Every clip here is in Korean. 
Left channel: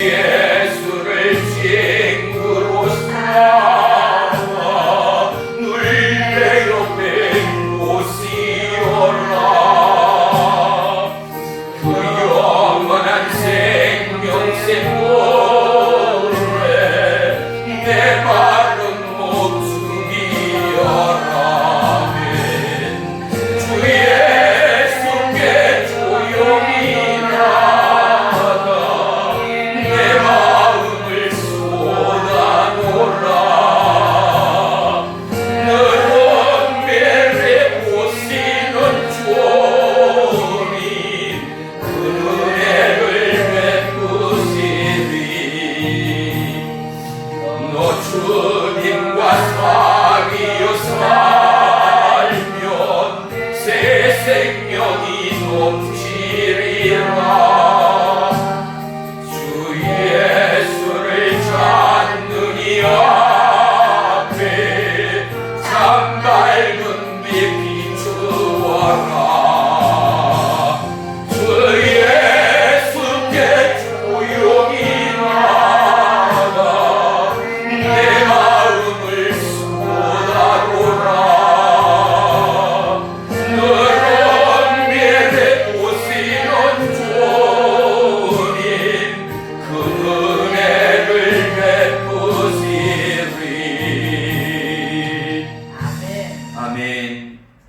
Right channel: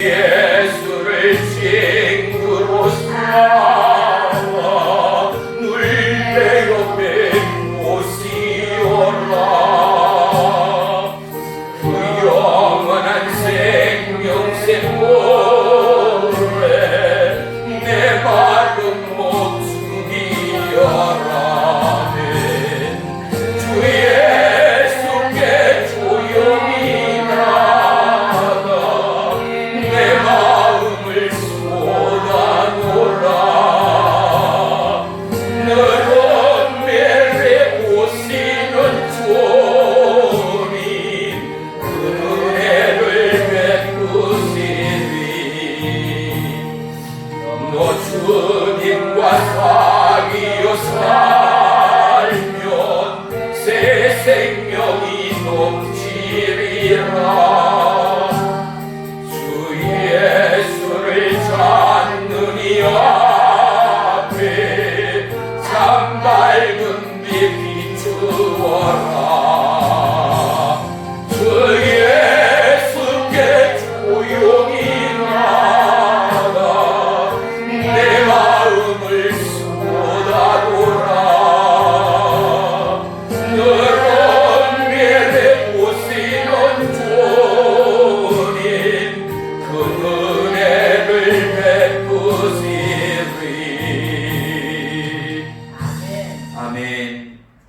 예수를 친구로 삼아 늘 옆에 오시오라. 그 영원한 생명샘 노래 내 마른 목숨이여라. 주 예수께 조용히 주님과 사귀어 살면 새 생명이 넘치리라. 주 예수를 찾느니 앞에 참 밝은 빛 비추어라. 주 예수께 조용히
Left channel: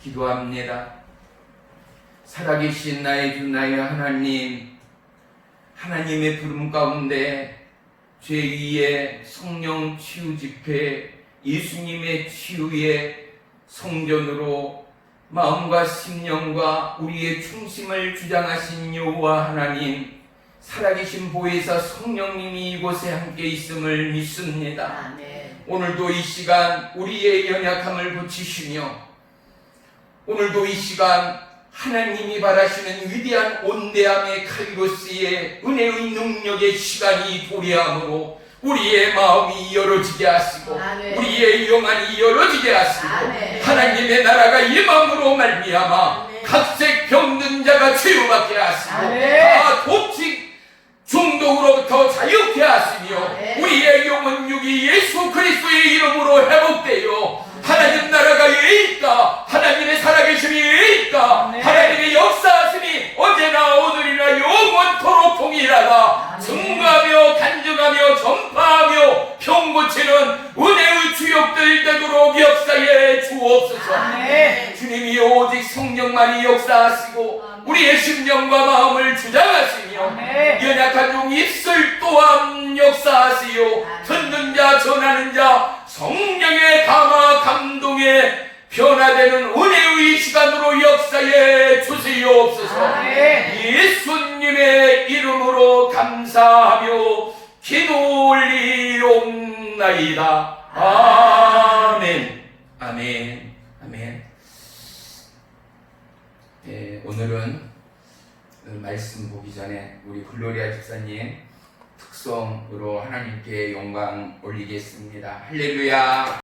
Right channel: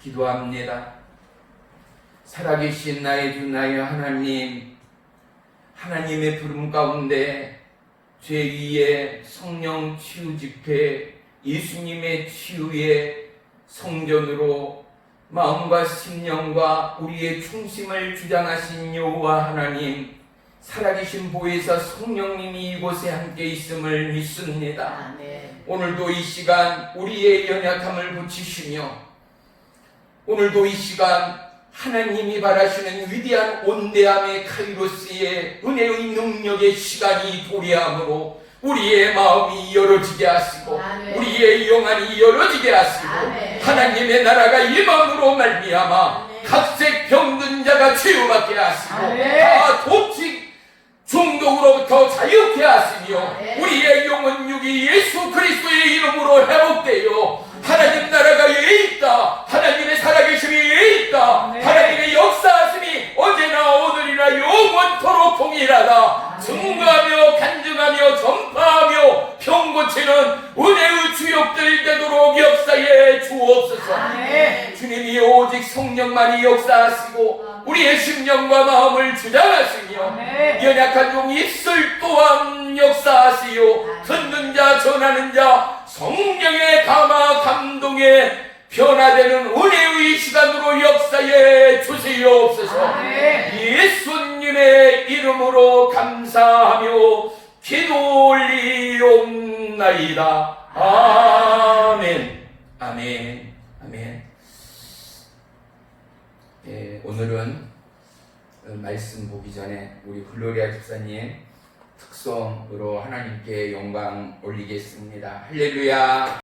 기도합니다. 살아계신 나의 주 나의 하나님, 하나님의 부름 가운데 제2의 성령 치유 집회, 예수님의 치유의 성전으로 마음과 심령과 우리의 중심을 주장하신 여호와 하나님, 살아계신 보혜사 성령님이 이곳에 함께 있음을 믿습니다. 오늘도 이 시간 우리의 연약함을 고치시며 오늘도 이 시간 하나님이 바라시는 위대한 온대함의 카이로스의 은혜의 능력의 시간이 도래함으로 우리의 마음이 열어지게 하시고 우리의 영안이 열어지게 하시고 하나님의 나라가 임함으로 말미암아 각색 병든 자가 치유받게 하시고 다 독식 중독으로부터 자유케 하시며 우리의 영혼 육이 예수 그리스도의 이름으로 회복되어 하나님 나라가 있다. 하나님의 살아계심이 있다. 하나님의 역사하심이 언제나 오늘이나 영원토록 동일하다. 증거하며 간증하며 전파하며 병 고치는 은혜의 주역들 되도록 역사에 주옵소서. 주님이 오직 성령만이 역사하시고 우리의 심령과 마음을 주장하시며 연약한 종 입술 또한 역사하시오. 듣는 자 전하는 자 성령의 감화 감동에 변화되는 은혜의 시간으로 역사에 주시옵소서. 예수님의 이름으로 감사하며 기도 올리옵나이다. 아멘. 아멘. 아멘. 네, 오늘은 말씀 보기 전에 우리 글로리아 집사님 특성으로 하나님께 영광 올리겠습니다. 할렐루야.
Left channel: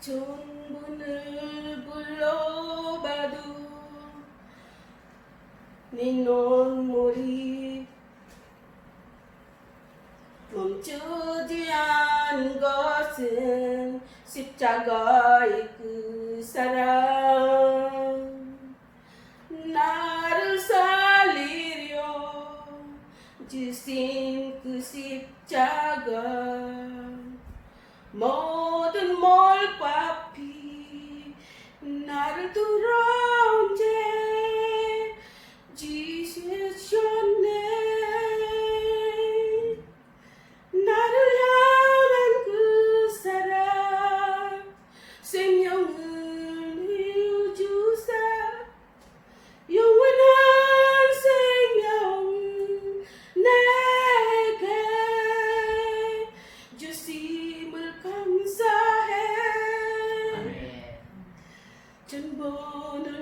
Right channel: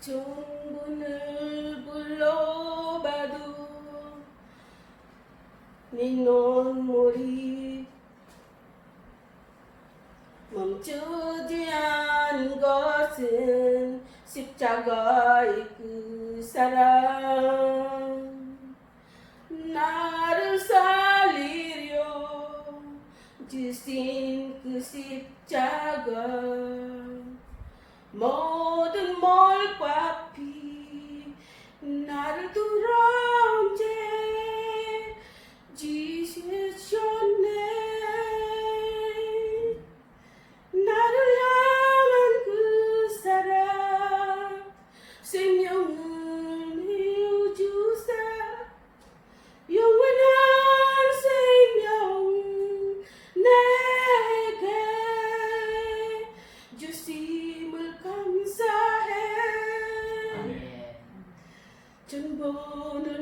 천분을 불러봐도 네 눈물이 멈추지 않은 것은 십자가의 그 사랑 나를 살리려 주신 그 십자가 모든 몰과 피 나를 돌아온 죄 지으셨네. 나를 향한 그 사랑 생명을 내어주사 영원한 생명 내게 주심을 감사해. 전번을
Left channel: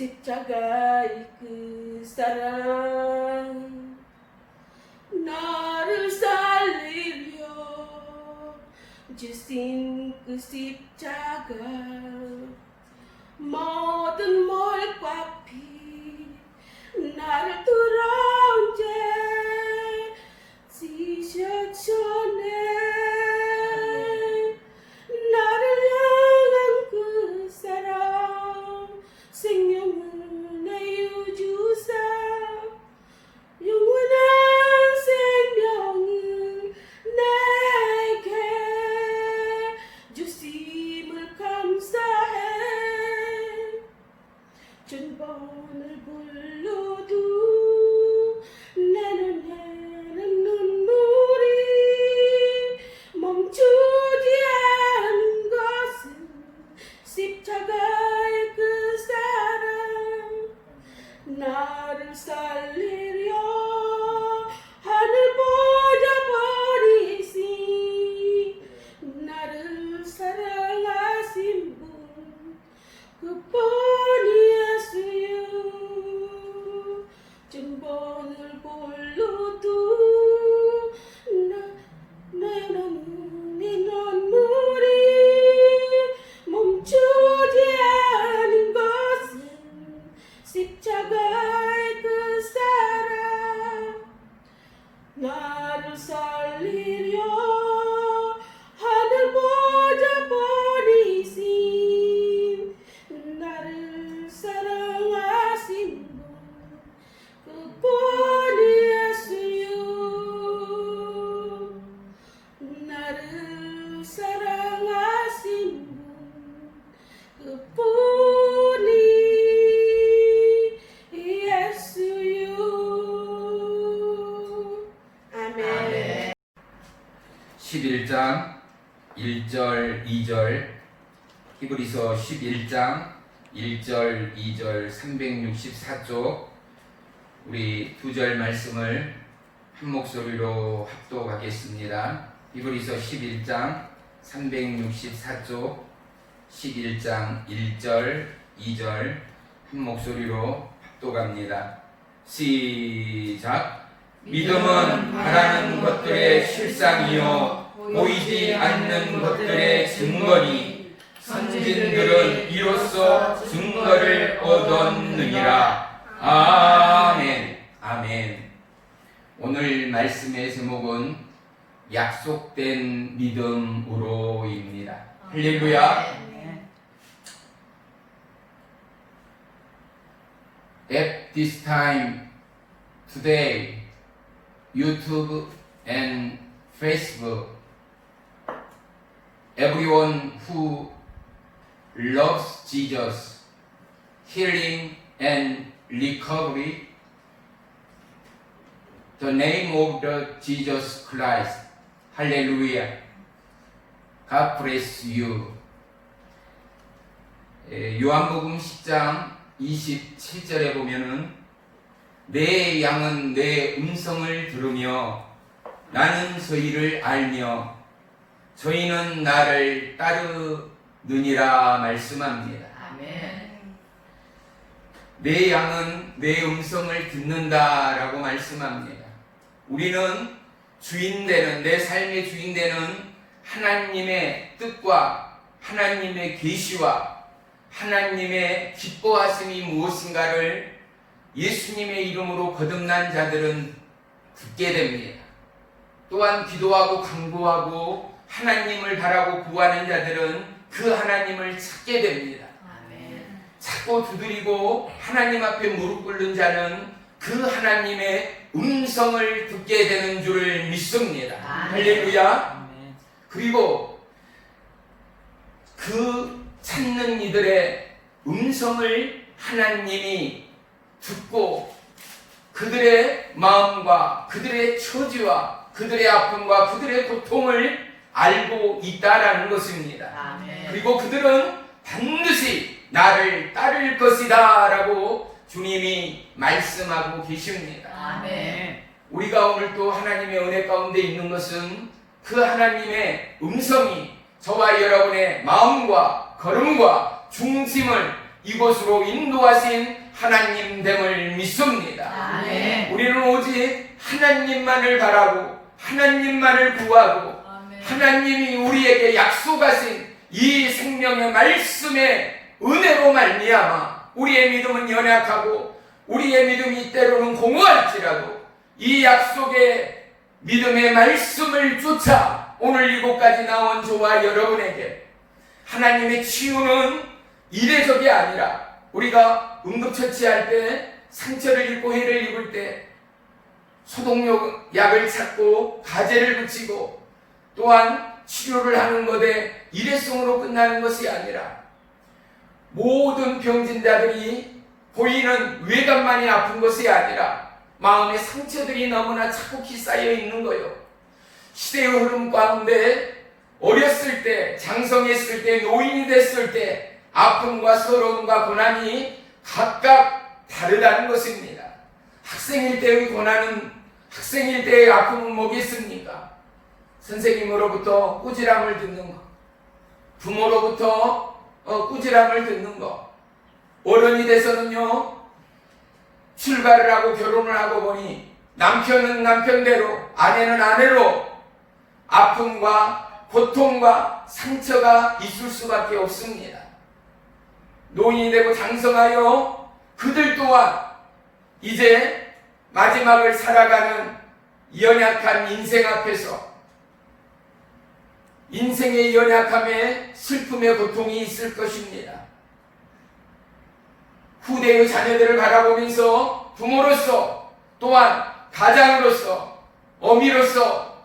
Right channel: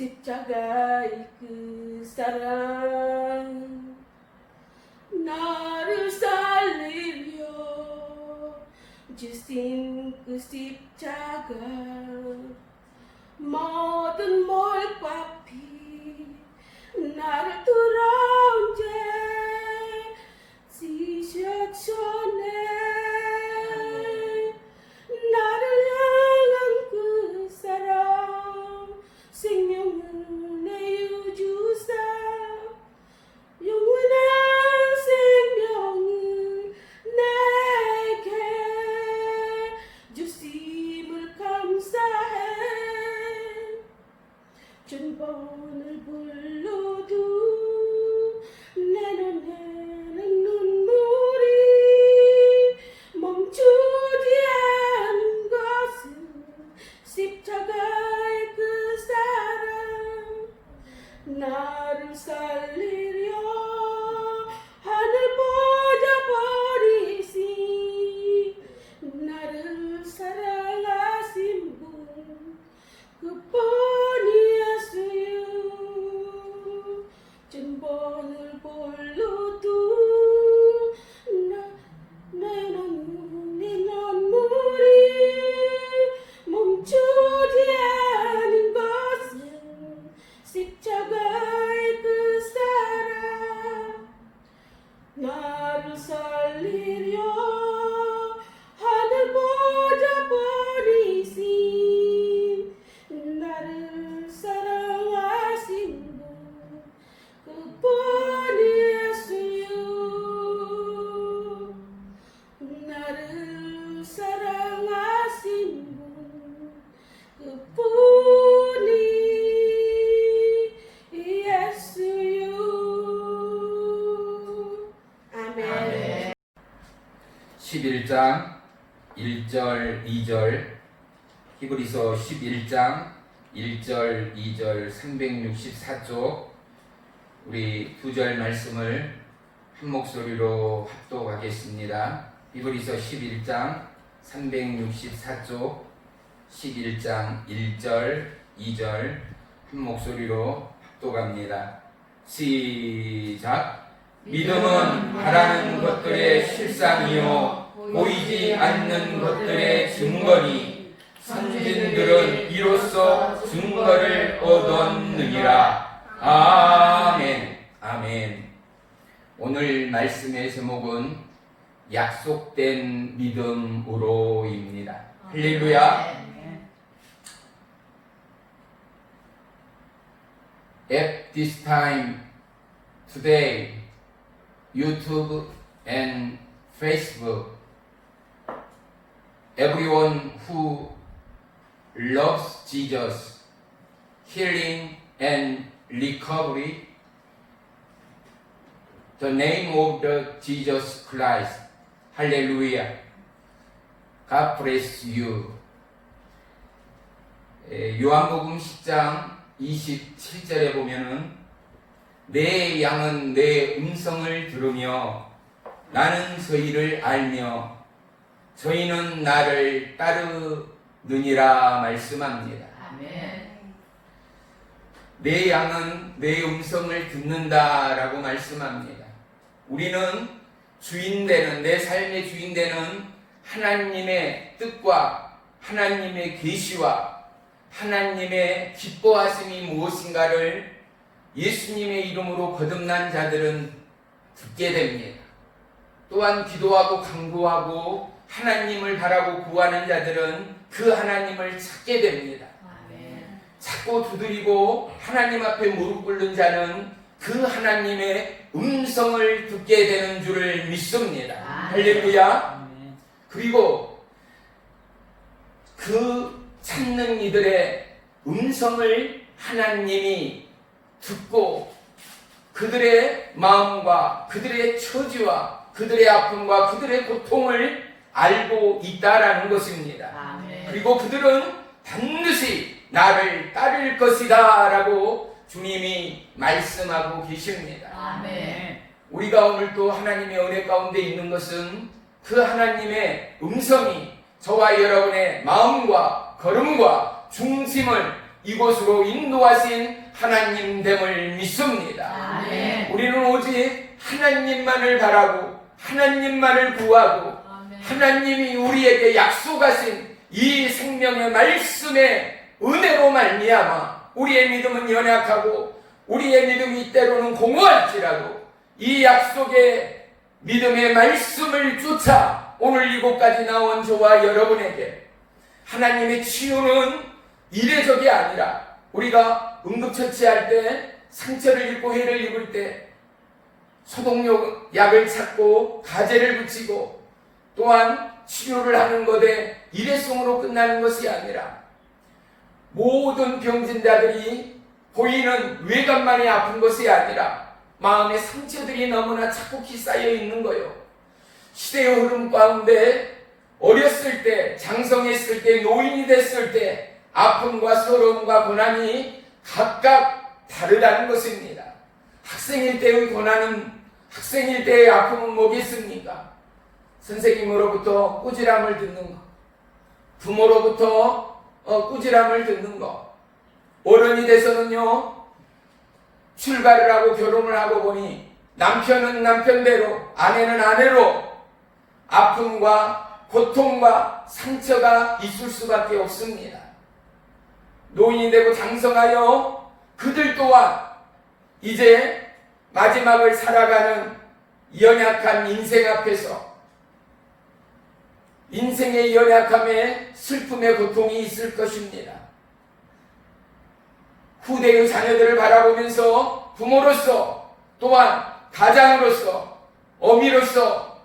십자가의 그 사랑 나를 살리려 주신 그 십자가 모든 몰과 피 나를 돌아온 죄 지셨잖네 나를 향한 그 사랑 생명은 내 유주사 영원한 생명은 내게 주심을 감사해 천번을 불러도 내 눈에는 눈물이 멈추지 않은 것은 십자가의 그 사랑 나를 살리려 하늘 보자 버리신 나를 사랑하신 분 그뿐이 예수요 천번을 불러도 내 눈물이 멈추지 않은 것은 십자가의 그 사랑 나를 살리려 하늘 보자 버리신 나를 사랑하신 분 그뿐이 예수요 나를 사랑하신 분 그뿐이 예수요 아멘. 11장 1절 2절 히브리서 11장 1절 2절 364쪽 우리 두 절 말씀을 한 목소리로 합독하겠습니다. 히브리서 11장 364쪽 11장 1절 2절 한 목소리로 합독합니다. 시작. 믿음은 바라는 것들의 실상이요 보이지 않는 것들의 증거니 선진들은 이로써 증거를 얻었느니라. 아멘. 아멘. 오늘 말씀의 제목은 약속된 믿음으로입니다. 할렐루야. At this time today, YouTube and Facebook, everyone who loves Jesus, healing and recovery, the name of the Jesus Christ. Hallelujah. God bless you. 요한복음 10장 27절에 보면은 내 양은 내 음성을 들으며 나는 저희를 알며 저희는 나를 따르느니라 말씀합니다. 아멘. 내 양은 내 음성을 듣는다라고 말씀합니다. 우리는 주인되는 내 삶의 주인되는 하나님의 뜻과 하나님의 계시와 하나님의 기뻐하심이 무엇인가를 예수님의 이름으로 거듭난 자들은 듣게 됩니다. 또한 기도하고 간구하고 하나님을 바라고 구하는 자들은 그 하나님을 찾게 됩니다. 아멘. 찾고 두드리고 하나님 앞에 무릎 꿇는 자는 그 하나님의 음성을 듣게 되는 줄을 믿습니다. 할렐루야. 그리고 그 찾는 이들의 음성을 하나님이 듣고 그들의 마음과 그들의 처지와 그들의 아픔과 그들의 고통을 알고 있다라는 것입니다. 아멘. 그리고 그들은 반드시 나를 따를 것이다 라고 주님이 말씀하고 계십니다. 아멘. 우리가 오늘 또 하나님의 은혜 가운데 있는 것은 그 하나님의 음성이 저와 여러분의 마음과 걸음과 중심을 이곳으로 인도하신 하나님됨을 믿습니다. 아멘. 우리는 오직 하나님만을 바라고 하나님만을 구하고 하나님이 우리에게 약속하신 이 생명의 말씀의 은혜로 말미암아 우리의 믿음은 연약하고 우리의 믿음이 때로는 공허할지라도 이 약속의 믿음의 말씀을 쫓아 오늘 이곳까지 나온 저와 여러분에게 하나님의 치유는 이례적이 아니라 우리가 응급처치할 때 상처를 입고 해를 입을 때 소독약을 찾고 가제를 붙이고 또한 치료를 하는 것에 일회성으로 끝나는 것이 아니라 모든 병진자들이 보이는 외관만이 아픈 것이 아니라 마음의 상처들이 너무나 차곡히 쌓여 있는 거요. 시대의 흐름 가운데 어렸을 때, 장성했을 때, 노인이 됐을 때 아픔과 서러움과 고난이 각각 다르다는 것입니다. 학생일 때의 고난은 학생일 때의 아픔은 뭐겠습니까? 선생님으로부터 꾸지람을 듣는 것, 부모로부터 꾸지람을 듣는 것, 어른이 돼서는요 출가를 하고 결혼을 하고 보니 남편은 남편대로 아내는 아내로 아픔과 고통과 상처가 있을 수밖에 없습니다. 노인이 되고 장성하여 그들 또한 이제 마지막을 살아가는 연약한 인생 앞에서 인생의 연약함에 슬픔의 고통이 있을 것입니다. 후대의 자녀들을 바라보면서 부모로서 또한 가장으로서 어미로서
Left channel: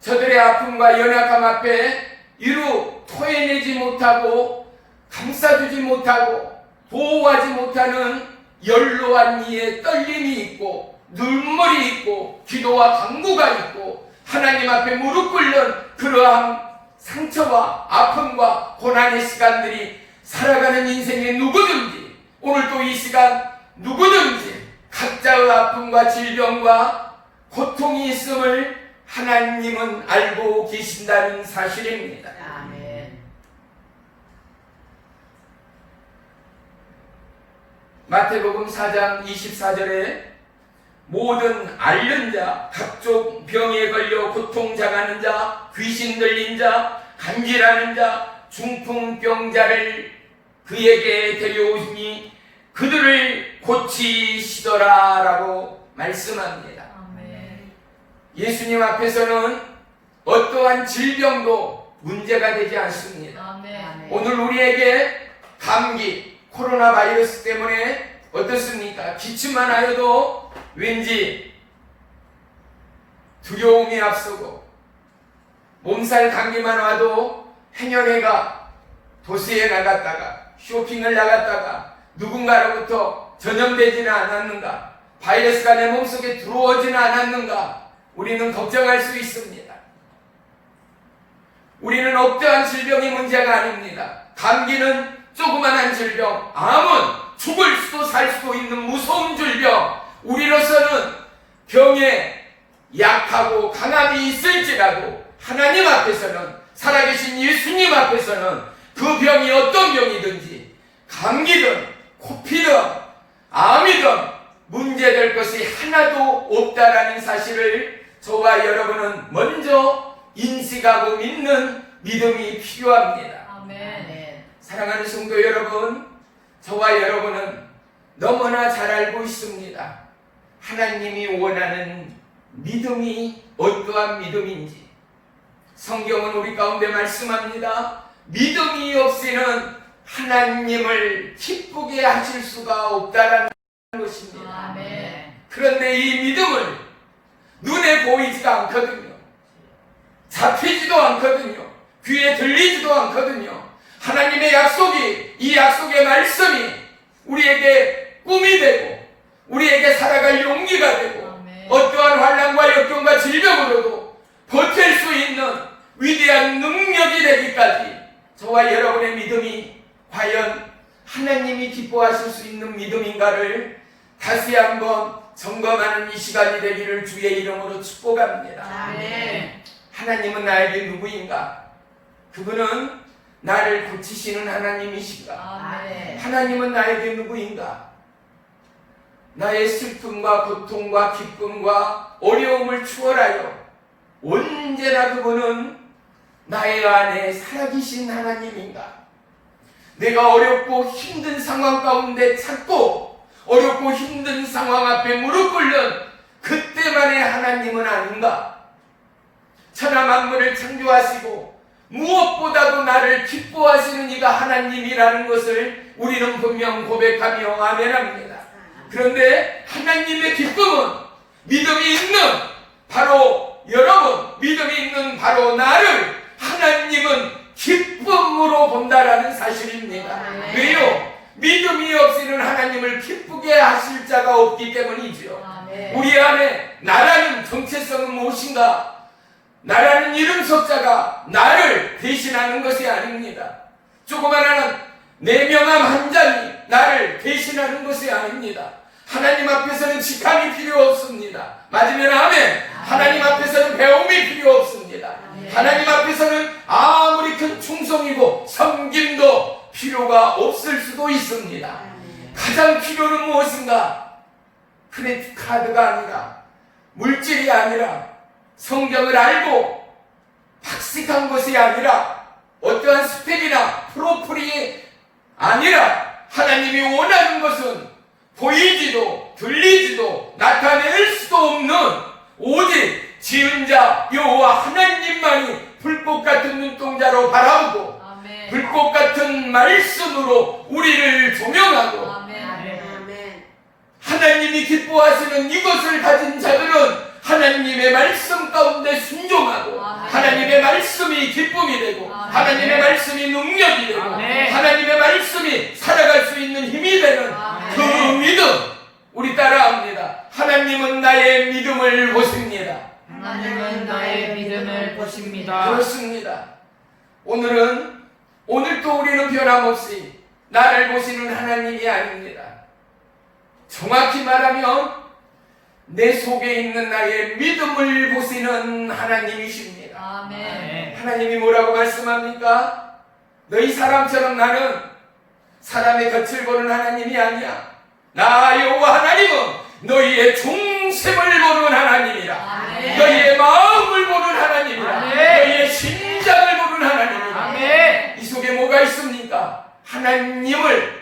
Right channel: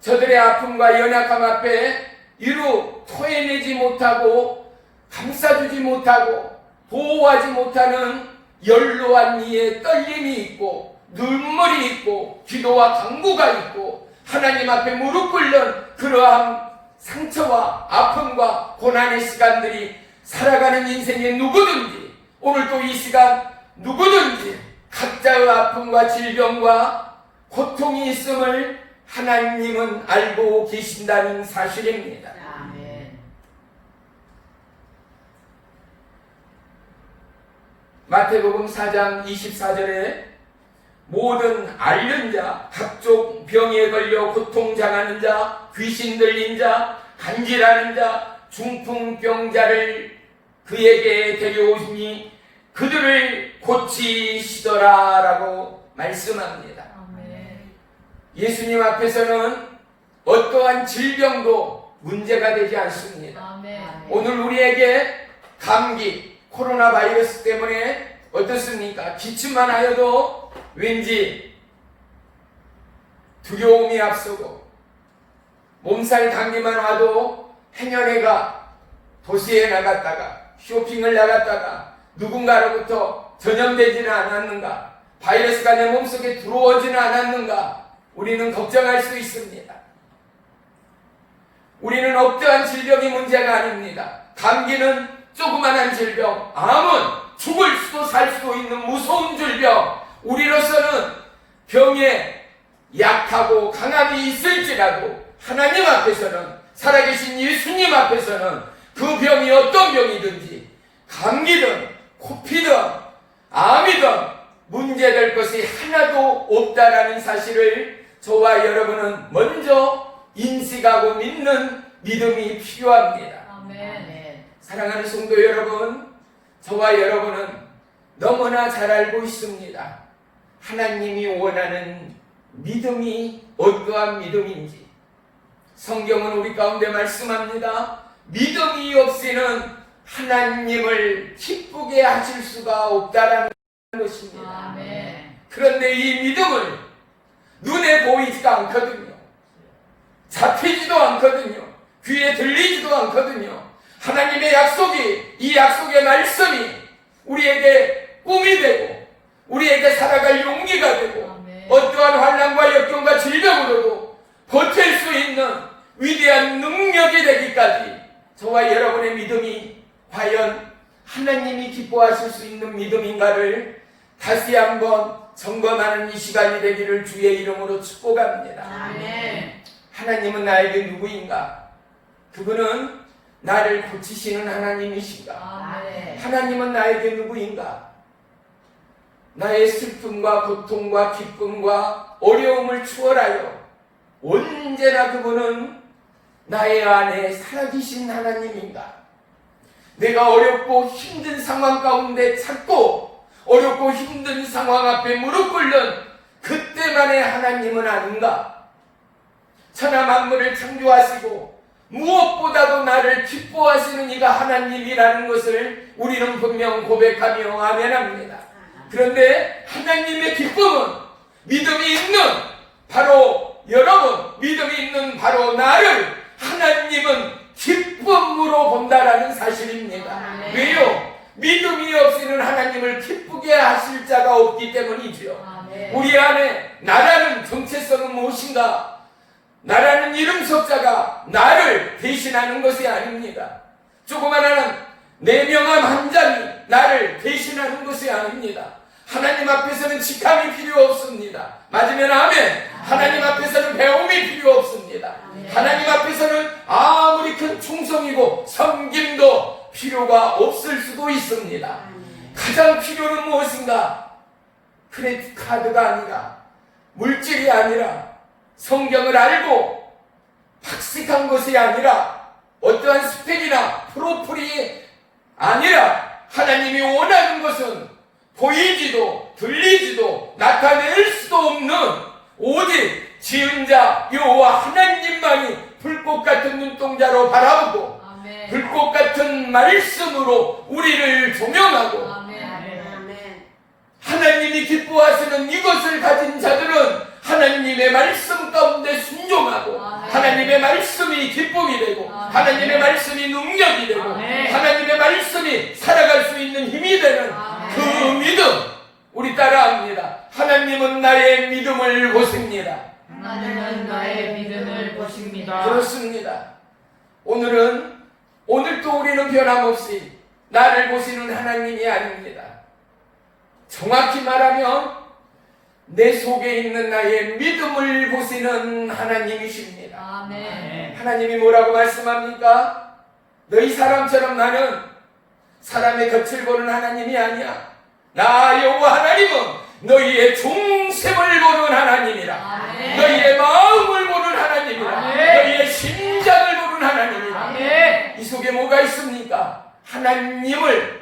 저들의 아픔과 연약함 앞에 이루 토해내지 못하고 감싸주지 못하고 보호하지 못하는 연로한 이의 떨림이 있고 눈물이 있고 기도와 간구가 있고 하나님 앞에 무릎 꿇는 그러한 상처와 아픔과 고난의 시간들이 살아가는 인생의 누구든지 오늘 또 이 시간 누구든지 각자의 아픔과 질병과 고통이 있음을 하나님은 알고 계신다는 사실입니다. 아멘. 마태복음 4장 24절에 모든 앓는 자, 각종 병에 걸려 고통당하는 자, 귀신 들린 자, 간질하는 자, 중풍병자를 그에게 데려오시니 그들을 고치시더라 라고 말씀합니다. 아멘. 예수님 앞에서는 어떠한 질병도 문제가 되지 않습니다. 아멘. 오늘 우리에게 감기, 코로나 바이러스 때문에 어떻습니까? 기침만 하여도 왠지 두려움이 앞서고 몸살 감기만 와도 행여내가 도시에 나갔다가 쇼핑을 나갔다가 누군가로부터 전염되지는 않았는가? 바이러스가 내 몸속에 들어오지는 않았는가? 우리는 걱정할 수 있습니다. 우리는 어떠한 질병이 문제가 아닙니다. 감기는 조그만한 질병, 암은 죽을 수도 살 수도 있는 무서운 질병. 우리로서는 병에 약하고 강함이 있을지라도 하나님 앞에서는 살아계신 예수님 앞에서는 그 병이 어떤 병이든지 감기든 코피든 암이든 문제될 것이 하나도 없다라는 사실을 저와 여러분은 먼저 인식하고 믿는 믿음이 필요합니다. 아멘. 사랑하는 성도 여러분, 저와 여러분은 너무나 잘 알고 있습니다. 하나님이 원하는 믿음이 어떠한 믿음인지. 성경은 우리 가운데 말씀합니다. 믿음이 없이는 하나님을 기쁘게 하실 수가 없다라는 것입니다. 아멘. 그런데 이 믿음을 눈에 보이지가 않거든요. 잡히지도 않거든요. 귀에 들리지도 않거든요. 하나님의 약속이, 이 약속의 말씀이 우리에게 꿈이 되고 우리에게 살아갈 용기가 되고 아멘. 어떠한 환난과 역경과 질병으로도 버틸 수 있는 위대한 능력이 되기까지 저와 여러분의 믿음이 과연 하나님이 기뻐하실 수 있는 믿음인가를 다시 한번 점검하는 이 시간이 되기를 주의 이름으로 축복합니다. 아멘. 하나님은 나에게 누구인가? 그분은 나를 고치시는 하나님이신가? 아멘. 아멘. 하나님은 나에게 누구인가? 나의 슬픔과 고통과 기쁨과 어려움을 추월하여 언제나 그분은 나의 안에 살아계신 하나님인가? 내가 어렵고 힘든 상황 가운데 찾고 어렵고 힘든 상황 앞에 무릎 꿇는 그때만의 하나님은 아닌가? 천하 만물을 창조하시고 무엇보다도 나를 기뻐하시는 이가 하나님이라는 것을 우리는 분명 고백하며 아멘합니다. 그런데 하나님의 기쁨은 믿음이 있는 바로 여러분, 믿음이 있는 바로 나를 하나님은 기쁨으로 본다라는 사실입니다. 아멘. 왜요? 믿음이 없이는 하나님을 기쁘게 하실 자가 없기 때문이지요. 아멘. 우리 안에 나라는 정체성은 무엇인가? 나라는 이름 석자가 나를 대신하는 것이 아닙니다. 조그마한 내 명함 한 장이 나를 대신하는 것이 아닙니다. 하나님 앞에서는 직함이 필요 없습니다. 맞으면 아멘. 하나님 앞에서는 배움이 필요 없습니다. 하나님 앞에서는 아무리 큰 충성이고 섬김도 필요가 없을 수도 있습니다. 가장 필요는 무엇인가? 크레딧 카드가 아니라, 물질이 아니라, 성경을 알고 학식한 것이 아니라, 어떠한 스펙이나 프로필이 아니라, 하나님이 원하는 것은 보이지도 들리지도 나타낼 수도 없는 오직 지은 자 여호와 하나님만이 불꽃 같은 눈동자로 바라보고 아멘. 불꽃 같은 말씀으로 우리를 조명하고 아멘. 하나님이 기뻐하시는 이것을 가진 자들은 하나님의 말씀 가운데 순종하고 아멘. 하나님의 말씀이 기쁨이 되고 아멘. 하나님의 말씀이 능력이 되고 아멘. 하나님의 말씀이 살아갈 수 있는 힘이 되는 아멘. 그 믿음 우리 따라합니다. 하나님은 나의 믿음을 보십니다. 하나님은 나의 믿음을 보십니다. 그렇습니다. 오늘도 우리는 변함없이 나를 보시는 하나님이 아닙니다. 정확히 말하면 내 속에 있는 나의 믿음을 보시는 하나님이십니다. 아멘. 하나님이 뭐라고 말씀합니까? 너희 사람처럼 나는 사람의 겉을 보는 하나님이 아니야. 나 여호와 하나님은 너희의 중심을 보는 하나님이라. 아멘. 너희의 마음을 보는 하나님이라. 아멘. 너희의 심장을 보는 하나님이라. 아멘. 이 속에 뭐가 있습니까? 하나님을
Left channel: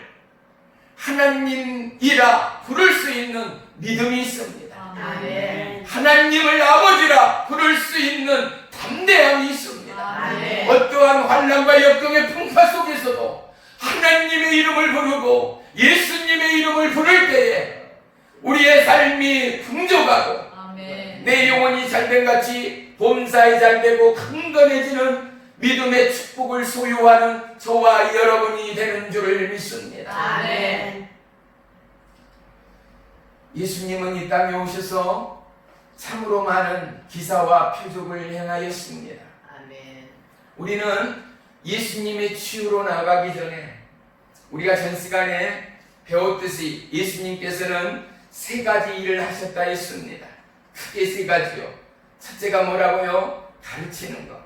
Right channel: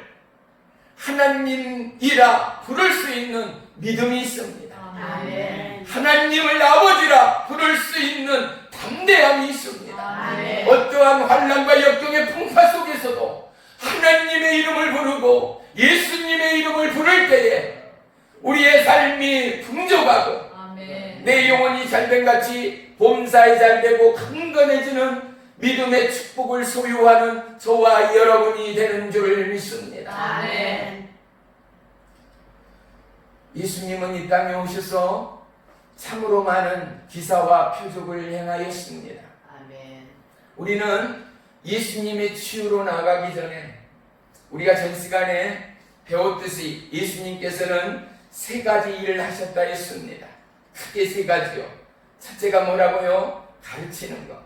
하나님이라 부를 수 있는 믿음이 있습니다. 아멘. 하나님을 아버지라 부를 수 있는 담대함이 있습니다. 아멘. 어떠한 환난과 역경의 풍파 속에서도 하나님의 이름을 부르고 예수님의 이름을 부를 때에 우리의 삶이 풍족하고 아멘. 내 영혼이 잘된 같이 봄사이 잘되고 강건해지는 믿음의 축복을 소유하는 저와 여러분이 되는 줄을 믿습니다. 아멘. 예수님은 이 땅에 오셔서 참으로 많은 기사와 표적을 행하였습니다. 아멘. 우리는 예수님의 치유로 나가기 전에 우리가 전 시간에 배웠듯이 예수님께서는 세 가지 일을 하셨다 했습니다. 크게 세 가지요. 첫째가 뭐라고요? 가르치는 것.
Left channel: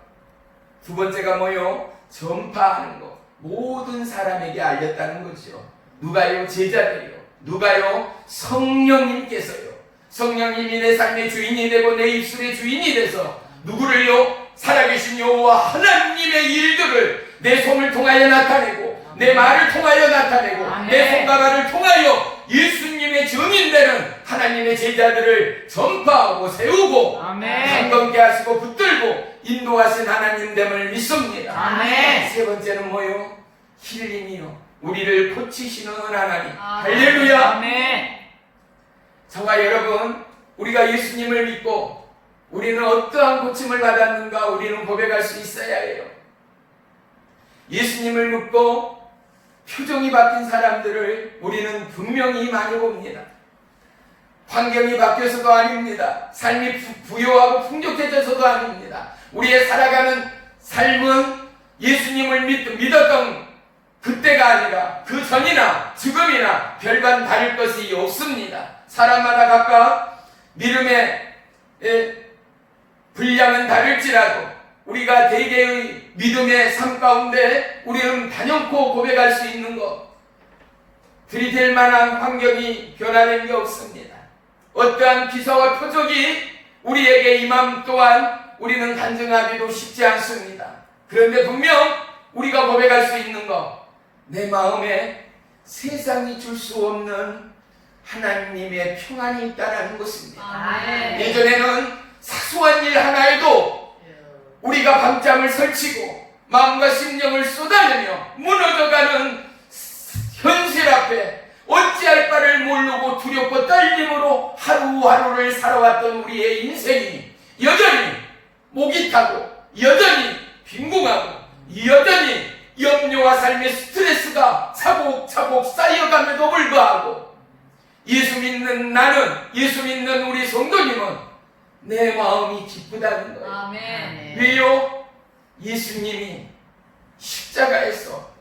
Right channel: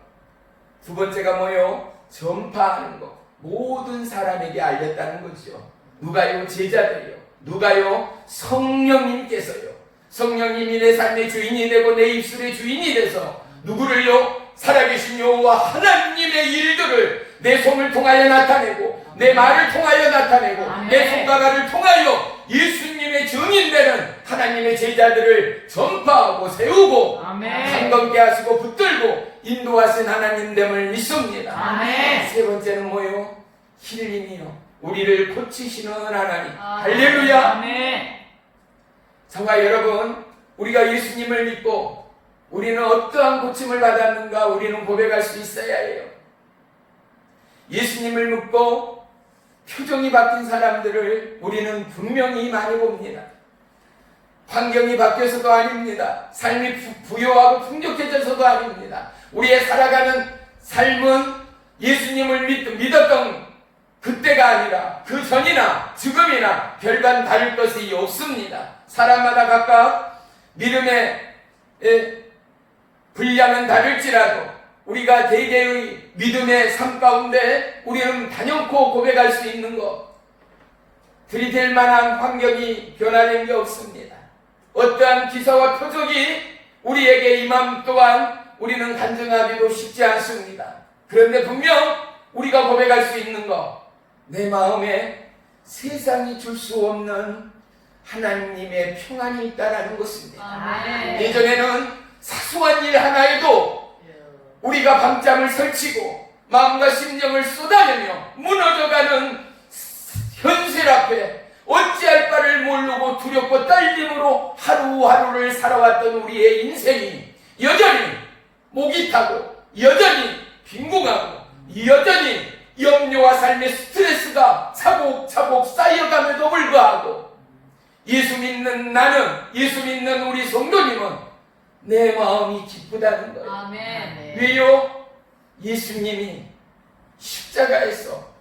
두 번째가 뭐요? 전파하는 것. 모든 사람에게 알렸다는 거죠. 누가요? 제자들이요. 누가요? 성령님께서요. 성령님이 내 삶의 주인이 되고 내 입술의 주인이 돼서 누구를요? 살아계신 여호와 하나님의 일들을 내 손을 통하여 나타내고 내 말을 통하여 나타내고 내 손과 발을 통하여 예수님의 증인되는 하나님의 제자들을 전파하고 세우고 강건케 하시고 붙들고 인도하신 하나님됨을 믿습니다. 아멘. 세 번째는 뭐요? 힐링이요. 우리를 고치시는 하나님. 할렐루야. 아멘. 저와 여러분, 우리가 예수님을 믿고 우리는 어떠한 고침을 받았는가 우리는 고백할 수 있어야 해요. 예수님을 믿고 표정이 바뀐 사람들을 우리는 분명히 많이 봅니다. 환경이 바뀌어서도 아닙니다. 삶이 부유하고 풍족해져서도 아닙니다. 우리의 살아가는 삶은 예수님을 믿었던 그때가 아니라 그 전이나 지금이나 별반 다를 것이 없습니다. 사람마다 각각 믿음의 분량은 다를지라도 우리가 대개의 믿음의 삶 가운데 우리는 단연코 고백할 수 있는 것, 들이댈 만한 환경이 변화된 게 없습니다. 어떠한 기사와 표적이 우리에게 임함 또한 우리는 간증하기도 쉽지 않습니다. 그런데 분명 우리가 고백할 수 있는 것, 내 마음에 세상이 줄 수 없는 하나님의 평안이 있다는 것입니다. 아멘. 예전에는 사소한 일 하나에도 우리가 밤잠을 설치고 마음과 심령을 쏟아내며 무너져가는 현실 앞에 어찌할 바를 모르고 두렵고 떨림으로 하루하루를 살아왔던 우리의 인생이 여전히 목이 타고 여전히 빈궁하고 여전히 염려와 삶의 스트레스가 차곡차곡 쌓여감에도 불구하고 예수 믿는 나는, 예수 믿는 우리 성도님은 내 마음이 기쁘다는 거예요. 아멘. 왜요? 예수님이 십자가에서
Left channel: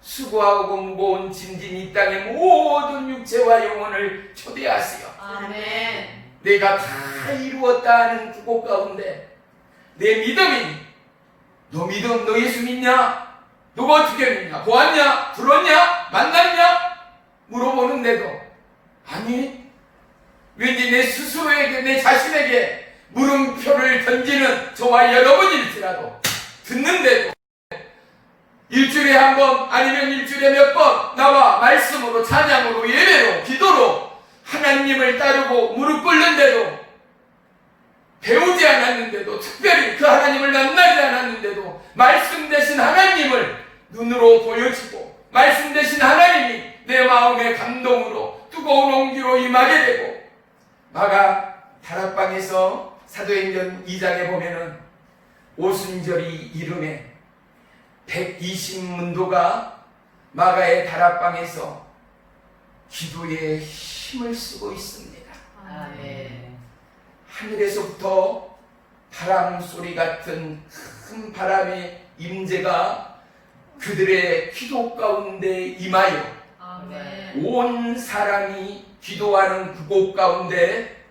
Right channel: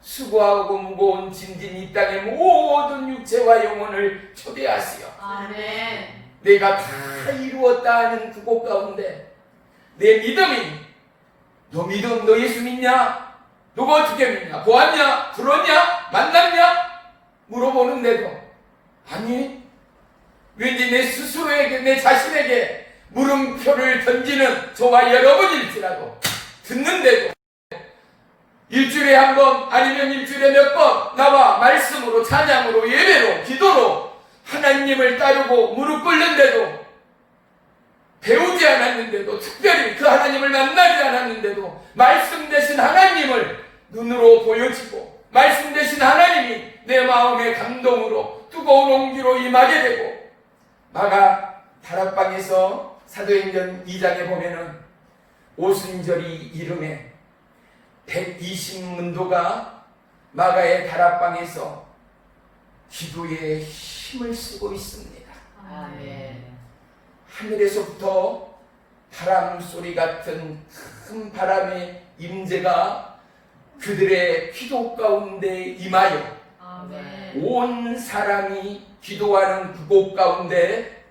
수고하고 무거운 짐진 이 땅의 모든 육체와 영혼을 초대하시어 아멘. 내가 다 이루었다 하는 그곳 가운데 내 믿음이, 너 믿음, 너 예수 믿냐? 너가 어떻게 믿냐? 보았냐? 들었냐? 만났냐? 물어보는데도 아니, 왠지 내 스스로에게, 내 자신에게 물음표를 던지는 저와 여러분일지라도 듣는데도 일주일에 한 번 아니면 일주일에 몇 번 나와 말씀으로, 찬양으로, 예배로, 기도로 하나님을 따르고 무릎 꿇는데도, 배우지 않았는데도, 특별히 그 하나님을 만나지 않았는데도 말씀 대신 하나님을 눈으로 보여지고 말씀 대신 하나님이 내 마음의 감동으로 뜨거운 온기로 임하게 되고, 마가 다락방에서 사도행전 2장에 보면은 오순절이 이름에 120문도가 마가의 다락방에서 기도에 힘을 쓰고 있습니다. 아멘. 하늘에서부터 바람 소리 같은 큰 바람의 임재가 그들의 기도 가운데 임하여 아멘. 온 사람이 기도하는 그곳 가운데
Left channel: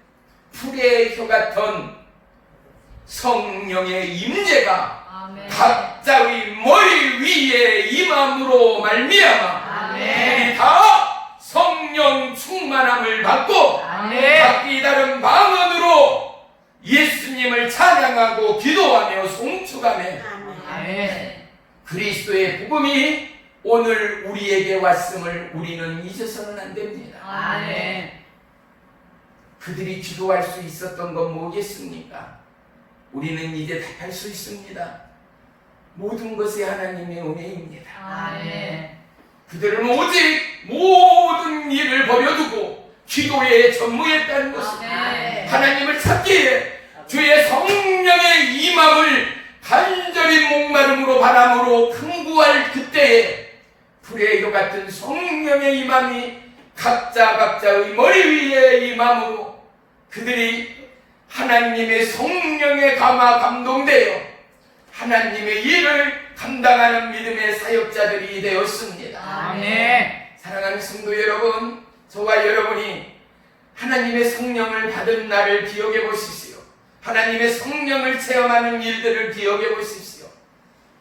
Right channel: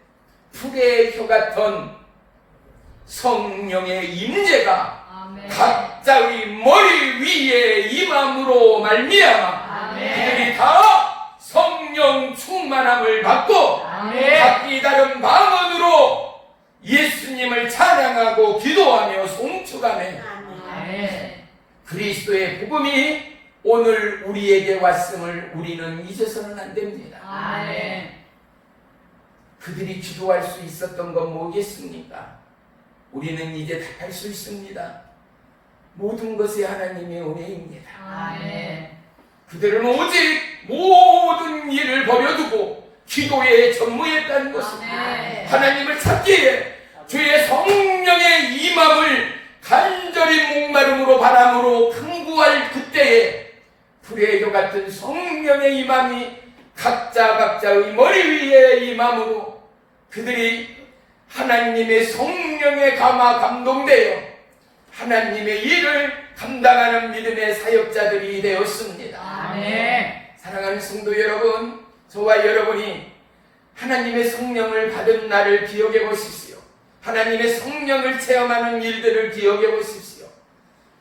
불의 혀 같은 성령의 임재가 아멘. 각자의 머리 위에 임함으로 말미암아 아멘. 그들이 다 성령 충만함을 받고 아멘. 각기 다른 방언으로 예수님을 찬양하고 기도하며 송축하며 아멘. 그리스도의 복음이 오늘 우리에게 왔음을 우리는 잊어서는 안 됩니다. 아멘. 그들이 기도할 수 있었던 건 뭐겠습니까? 우리는 이제 답할 수 있습니다. 모든 것이 하나님의 은혜입니다. 아멘. 그들은 오직 모든 일을 버려두고 기도에 전무했다는 것입니다. 아멘. 하나님을 찾기에 주의 성령의 임함을 간절히 목마름으로 바람으로 큰구할 그때에 불의 혀 같은 성령의 임함이 각자의 머리 위에 임함으로 그들이 하나님의 성령에 감화 감동되어 하나님의 일을 감당하는 믿음의 사역자들이 되었습니다. 아멘. 사랑하는 성도 여러분, 저와 여러분이 하나님의 성령을 받은 날을 기억해 보십시오. 하나님의 성령을 체험하는 일들을 기억해 보십시오.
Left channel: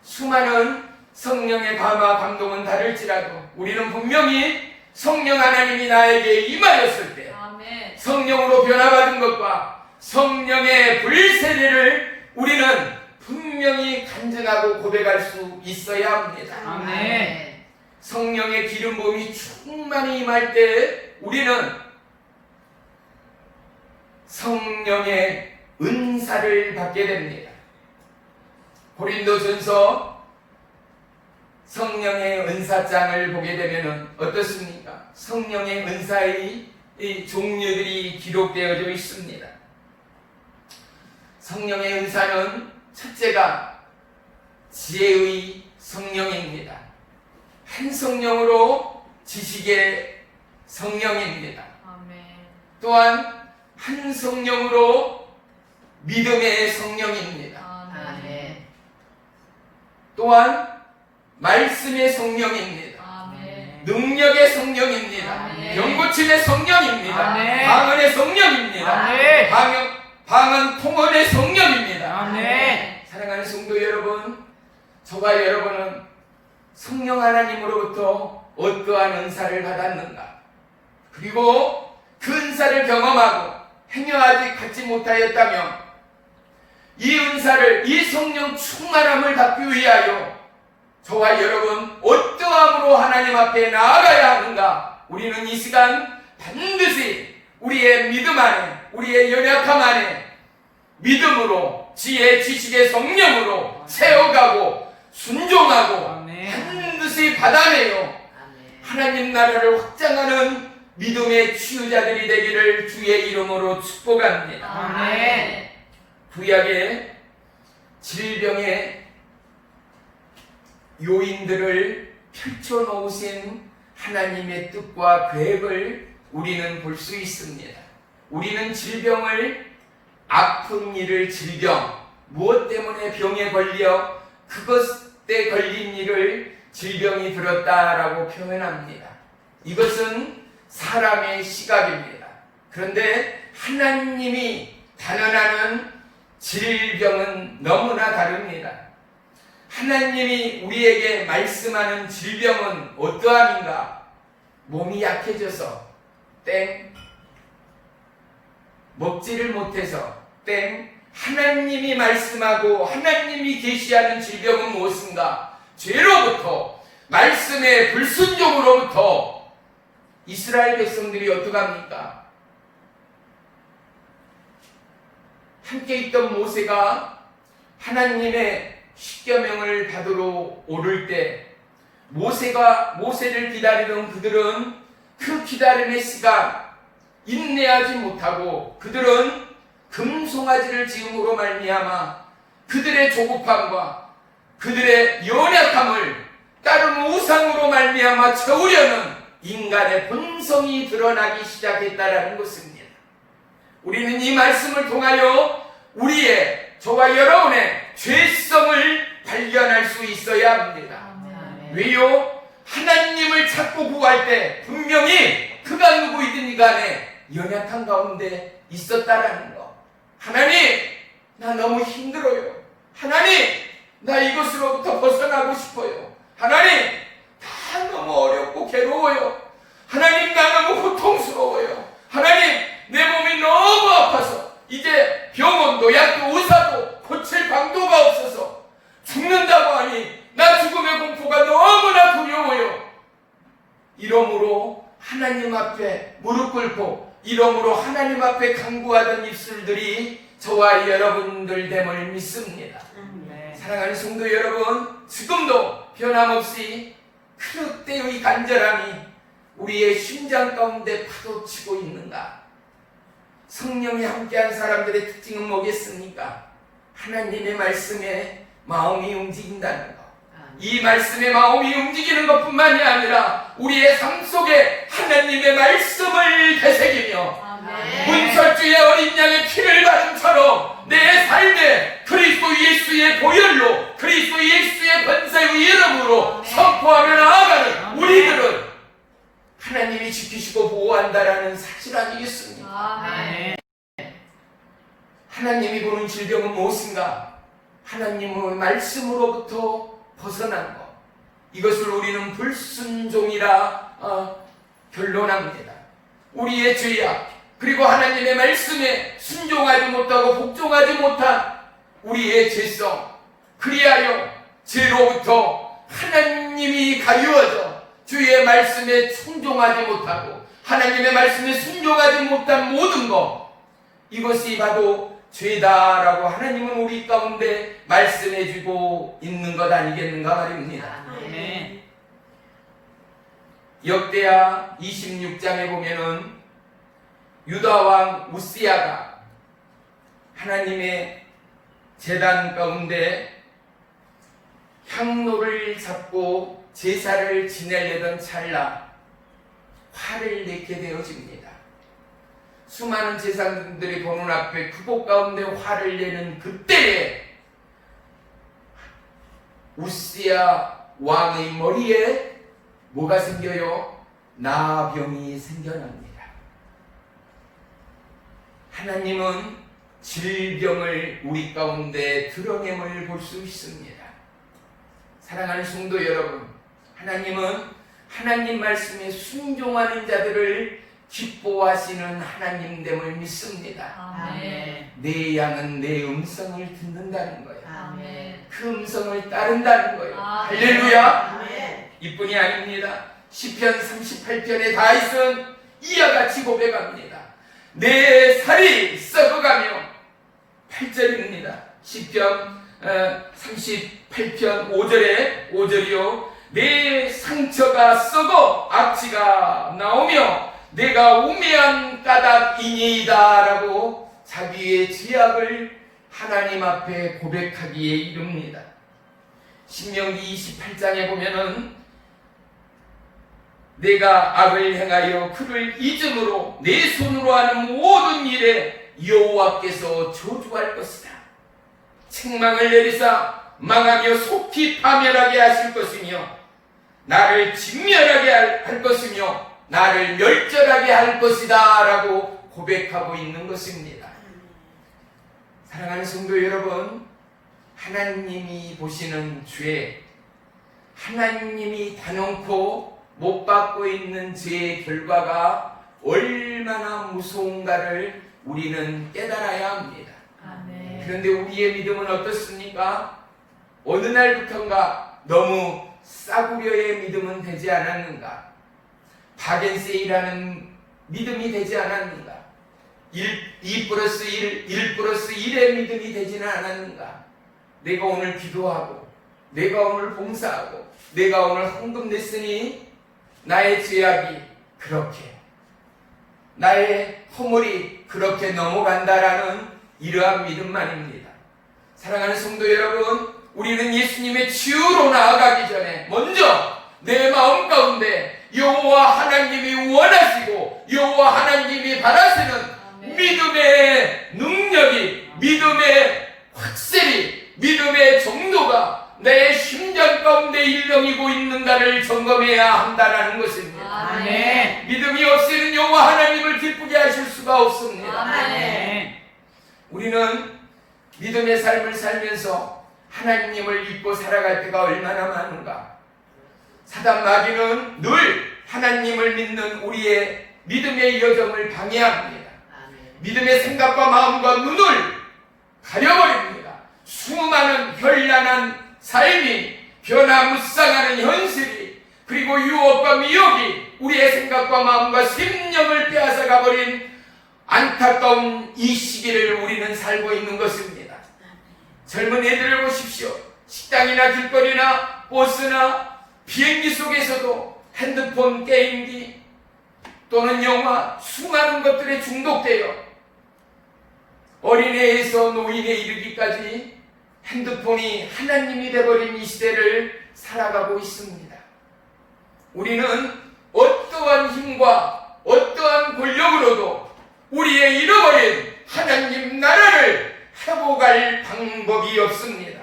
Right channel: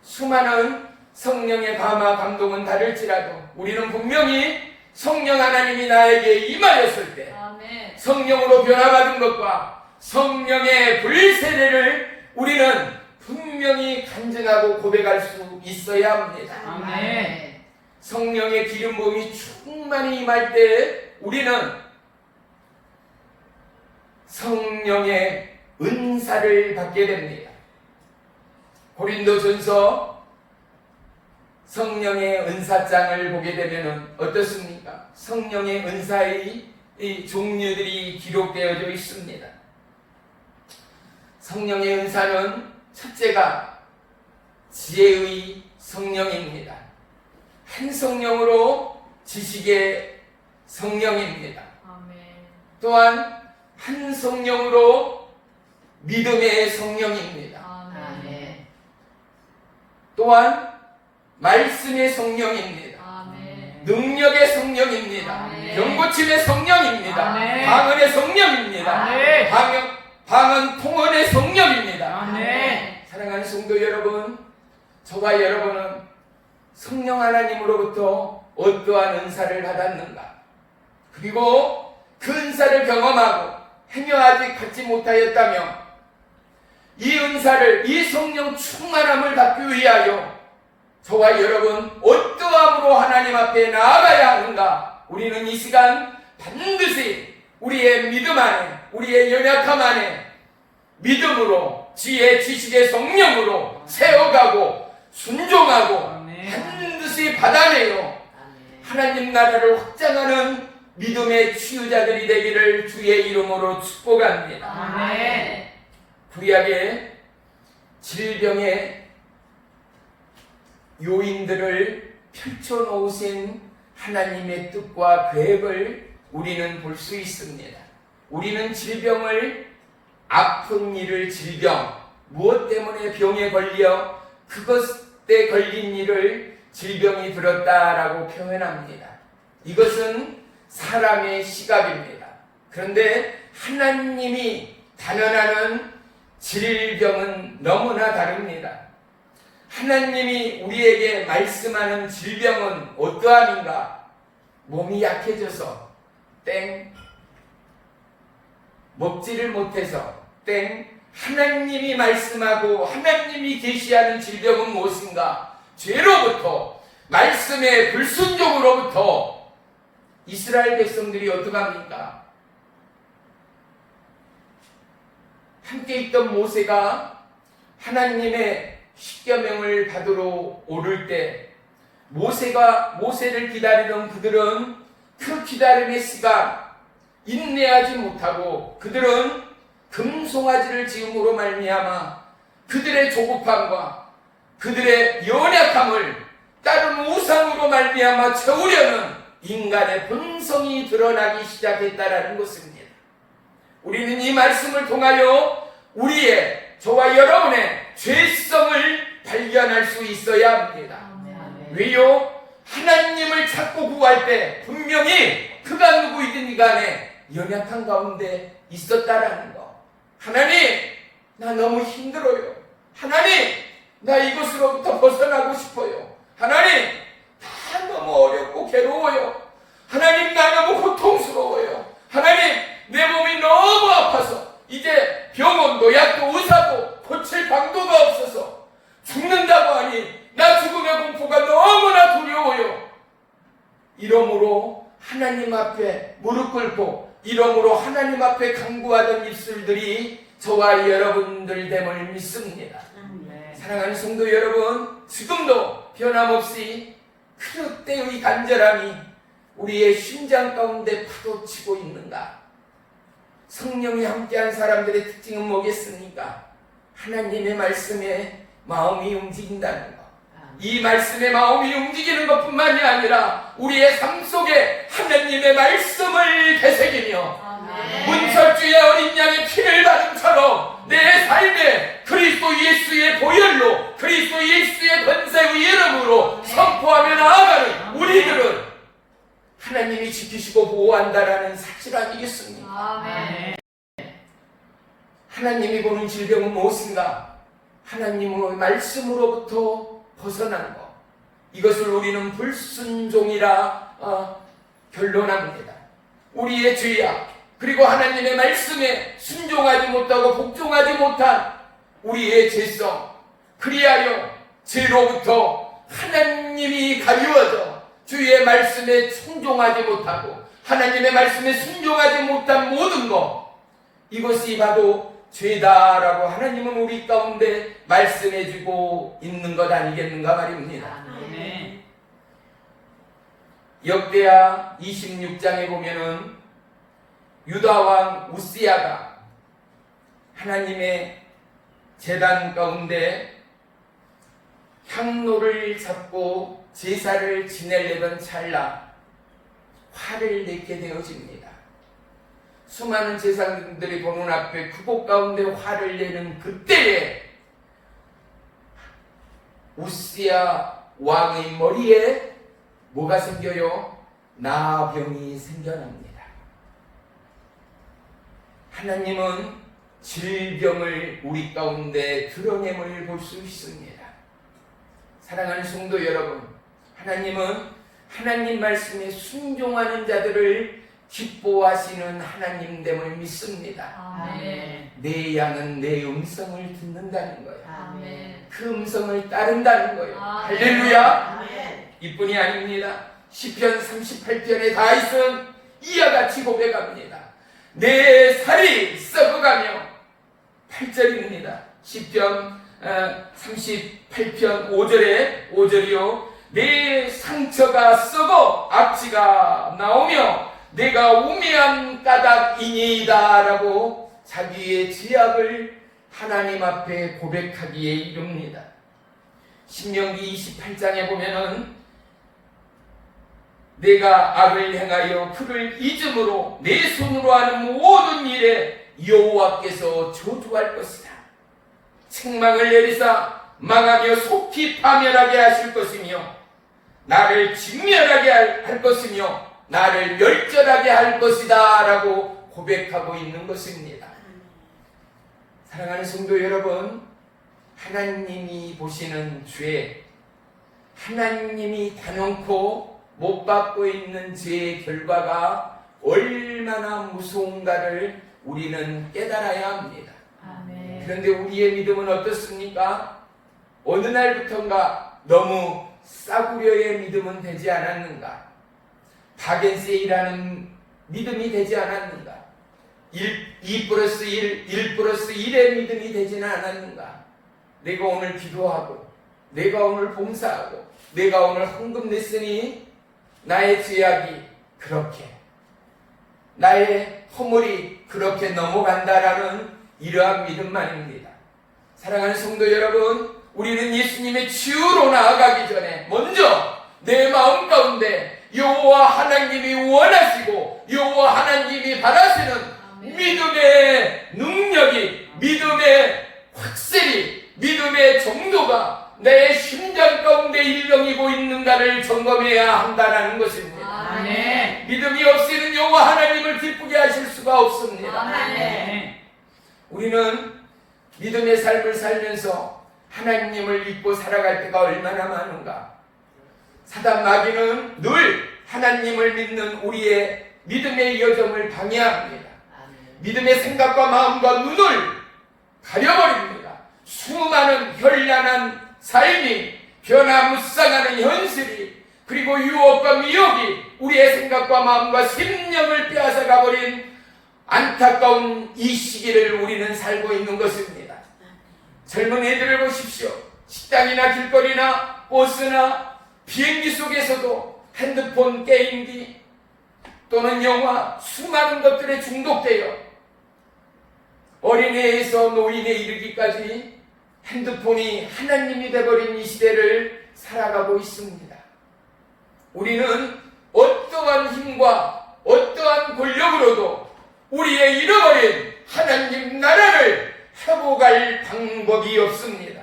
수많은 성령의 감화 감동은 다를지라도 우리는 분명히 성령 하나님이 나에게 임하였을 때 아멘. 성령으로 변화받은 것과 성령의 불세례를 우리는 분명히 간증하고 고백할 수 있어야 합니다. 아멘. 성령의 기름 부음이 충만히 임할 때 우리는 성령의 은사를 받게 됩니다. 고린도전서 성령의 은사장을 보게 되면 어떻습니까? 성령의 은사의 이 종류들이 기록되어져 있습니다. 성령의 은사는 첫째가 지혜의 성령입니다. 한 성령으로 지식의 성령입니다. 아멘. 또한 한 성령으로 믿음의 성령입니다. 아멘. 또한 말씀의 성령입니다. 아멘. 능력의 성령입니다. 아멘. 병고침의 성령입니다. 아멘. 방언의 성령입니다. 아멘. 방언 통언의 성령입니다. 아멘. 사랑하는 성도 여러분, 저와 여러분은 성령 하나님으로부터 어떠한 은사를 받았는가? 그리고 그 은사를 경험하고 행여하지 갖지 못하였다면 이 은사를, 이 성령 충만함을 받기 위하여 저와 여러분 어떠함으로 하나님 앞에 나아가야 하는가? 우리는 이 시간 반드시 우리의 믿음 안에, 우리의 연약함 안에 믿음으로, 지혜, 지식의 성령으로 채워가고 순종하고 아멘. 반드시 받아내요 아멘. 하나님 나라를 확장하는 믿음의 치유자들이 되기를 주의 이름으로 축복합니다. 아멘. 구약의 질병의 요인들을 펼쳐놓으신 하나님의 뜻과 계획을 우리는 볼 수 있습니다. 우리는 질병을, 아픈 일을 질병, 무엇 때문에 병에 걸려 그것에 걸린 일을 질병이 들었다라고 표현합니다. 이것은 사람의 시각입니다. 그런데 하나님이 단언하는 질병은 너무나 다릅니다. 하나님이 우리에게 말씀하는 질병은 어떠함인가? 몸이 약해져서 땡, 먹지를 못해서 땡. 하나님이 말씀하고 하나님이 계시하는 질병은 무엇인가? 죄로부터, 말씀의 불순종으로부터 이스라엘 백성들이 어떡합니까? 함께 있던 모세가 하나님의 십계명을 받으러 오를 때 모세를 기다리던 그들은 그 기다림의 시간 인내하지 못하고 그들은 금송아지를 지음으로 말미암아 그들의 조급함과 그들의 연약함을 다른 우상으로 말미암아 채우려는 인간의 본성이 드러나기 시작했다라는 것입니다. 우리는 이 말씀을 통하여 우리의, 저와 여러분의 죄성을 발견할 수 있어야 합니다. 아멘. 왜요? 하나님을 찾고 구할 때 분명히 그가 누구이든 간에 연약한 가운데 있었다라는 거. 하나님, 나 너무 힘들어요. 하나님, 나 이것으로부터 벗어나고 싶어요. 하나님, 다 너무 어렵고 괴로워요. 하나님, 나 너무 고통스러워요. 하나님, 내 몸이 너무 아파서 이제 병원도 약도 의사도 고칠 방도가 없어서 죽는다고 하니 나 죽음의 공포가 너무나 두려워요. 이러므로 하나님 앞에 무릎 꿇고 이러므로 하나님 앞에 간구하던 입술들이 저와 여러분들 됨을 믿습니다. 아멘. 사랑하는 성도 여러분, 지금도 변함없이 그때의 간절함이 우리의 심장 가운데 파도치고 있는가? 성령이 함께한 사람들의 특징은 뭐겠습니까? 하나님의 말씀에 마음이 움직인다는 것. 이 말씀의 마음이 움직이는 것뿐만이 아니라 우리의 삶 속에 하나님의 말씀을 되새기며 아멘. 문설주의 어린 양의 피를 바른처럼 내 삶에 그리스도 예수의 보혈로 그리스도 예수의 권세의 이름으로 선포하며 나아가는 우리들은 하나님이 지키시고 보호한다라는 사실 아니겠습니까? 아멘. 하나님이 보는 질병은 무엇인가? 하나님의 말씀으로부터 벗어난 것. 이것을 우리는 불순종이라 결론합니다. 우리의 죄악, 그리고 하나님의 말씀에 순종하지 못하고 복종하지 못한 우리의 죄성, 그리하여 죄로부터 하나님이 가리워져 주의 말씀에 순종하지 못하고 하나님의 말씀에 순종하지 못한 모든 것, 이것이 바로 죄다라고 하나님은 우리 가운데 말씀해주고 있는 것 아니겠는가 말입니다. 아멘. 역대하 26장에 보면은 유다왕 우시야가 하나님의 제단 가운데 향로를 잡고 제사를 지내려던 찰나 화를 내게 되어집니다. 수많은 제사장들이 보는 앞에 그곳 가운데 화를 내는 그때에 우시야 왕의 머리에 뭐가 생겨요? 나병이 생겨납니다. 하나님은 질병을 우리 가운데 드러냄을 볼 수 있습니다. 사랑하는 성도 여러분, 하나님은 하나님 말씀에 순종하는 자들을 기뻐하시는 하나님됨을 믿습니다. 아멘. 내 양은 내 음성을 듣는다는 거예요. 아멘. 그 음성을 따른다는 거예요. 아멘. 할렐루야. 아멘. 이뿐이 아닙니다. 시편 38편의 다윗은 이와 같이 고백합니다. 내 살이 썩어가며 8절입니다. 시편 38편 5절이요. 내 상처가 썩어 악취가 나오며 내가 우매한 까닭이니이다 라고 자기의 죄악을 하나님 앞에 고백하기에 이릅니다. 신명기 28장에 보면은 내가 악을 행하여 그를 잊음으로 내 손으로 하는 모든 일에 여호와께서 저주할 것이다. 책망을 내리사 망하며 속히 파멸하게 하실 것이며 나를 진멸하게 할 것이며 나를 멸절하게 할 것이다 라고 고백하고 있는 것입니다. 사랑하는 성도 여러분, 하나님이 보시는 죄, 하나님이 단언코 못 받고 있는 죄의 결과가 얼마나 무서운가를 우리는 깨달아야 합니다. 아멘. 그런데 우리의 믿음은 어떻습니까? 어느 날부턴가 너무 싸구려의 믿음은 되지 않았는가? 바겐세이라는 믿음이 되지 않았는가? 2+1, 1+1의 믿음이 되지는 않았는가? 내가 오늘 기도하고, 내가 오늘 봉사하고, 내가 오늘 헌금 냈으니 나의 죄악이 그렇게, 나의 허물이 그렇게 넘어간다라는 이러한 믿음만입니다. 사랑하는 성도 여러분, 우리는 예수님의 치유로 나아가기 전에 먼저 내 마음 가운데 여호와 하나님이 원하시고 여호와 하나님이 바라시는 믿음의 능력이, 믿음의 확실히, 믿음의 정도가 내 심장 가운데 일렁이고 있는가를 점검해야 한다는 것입니다. 아멘. 믿음이 없이는 여호와 하나님을 기쁘게 하실 수가 없습니다. 아멘. 우리는 믿음의 삶을 살면서 하나님을 믿고 살아갈 때가 얼마나 많은가. 사단 마귀는 늘 하나님을 믿는 우리의 믿음의 여정을 방해합니다. 믿음의 생각과 마음과 눈을 가려버립니다. 수많은 현란한 삶이 변화무쌍하는 현실이, 그리고 유혹과 미혹이 우리의 생각과 마음과 심령을 빼앗아 가버린 안타까운 이 시기를 우리는 살고 있는 것입니다. 젊은 애들을 보십시오. 식당이나 길거리나 버스나 비행기 속에서도 핸드폰, 게임기 또는 영화, 수많은 것들에 중독되어 어린애에서 노인에 이르기까지 핸드폰이 하나님이 되어버린 이 시대를 살아가고 있습니다. 우리는 어떠한 힘과 어떠한 권력으로도 우리의 잃어버린 하나님 나라를 회복할 방법이 없습니다.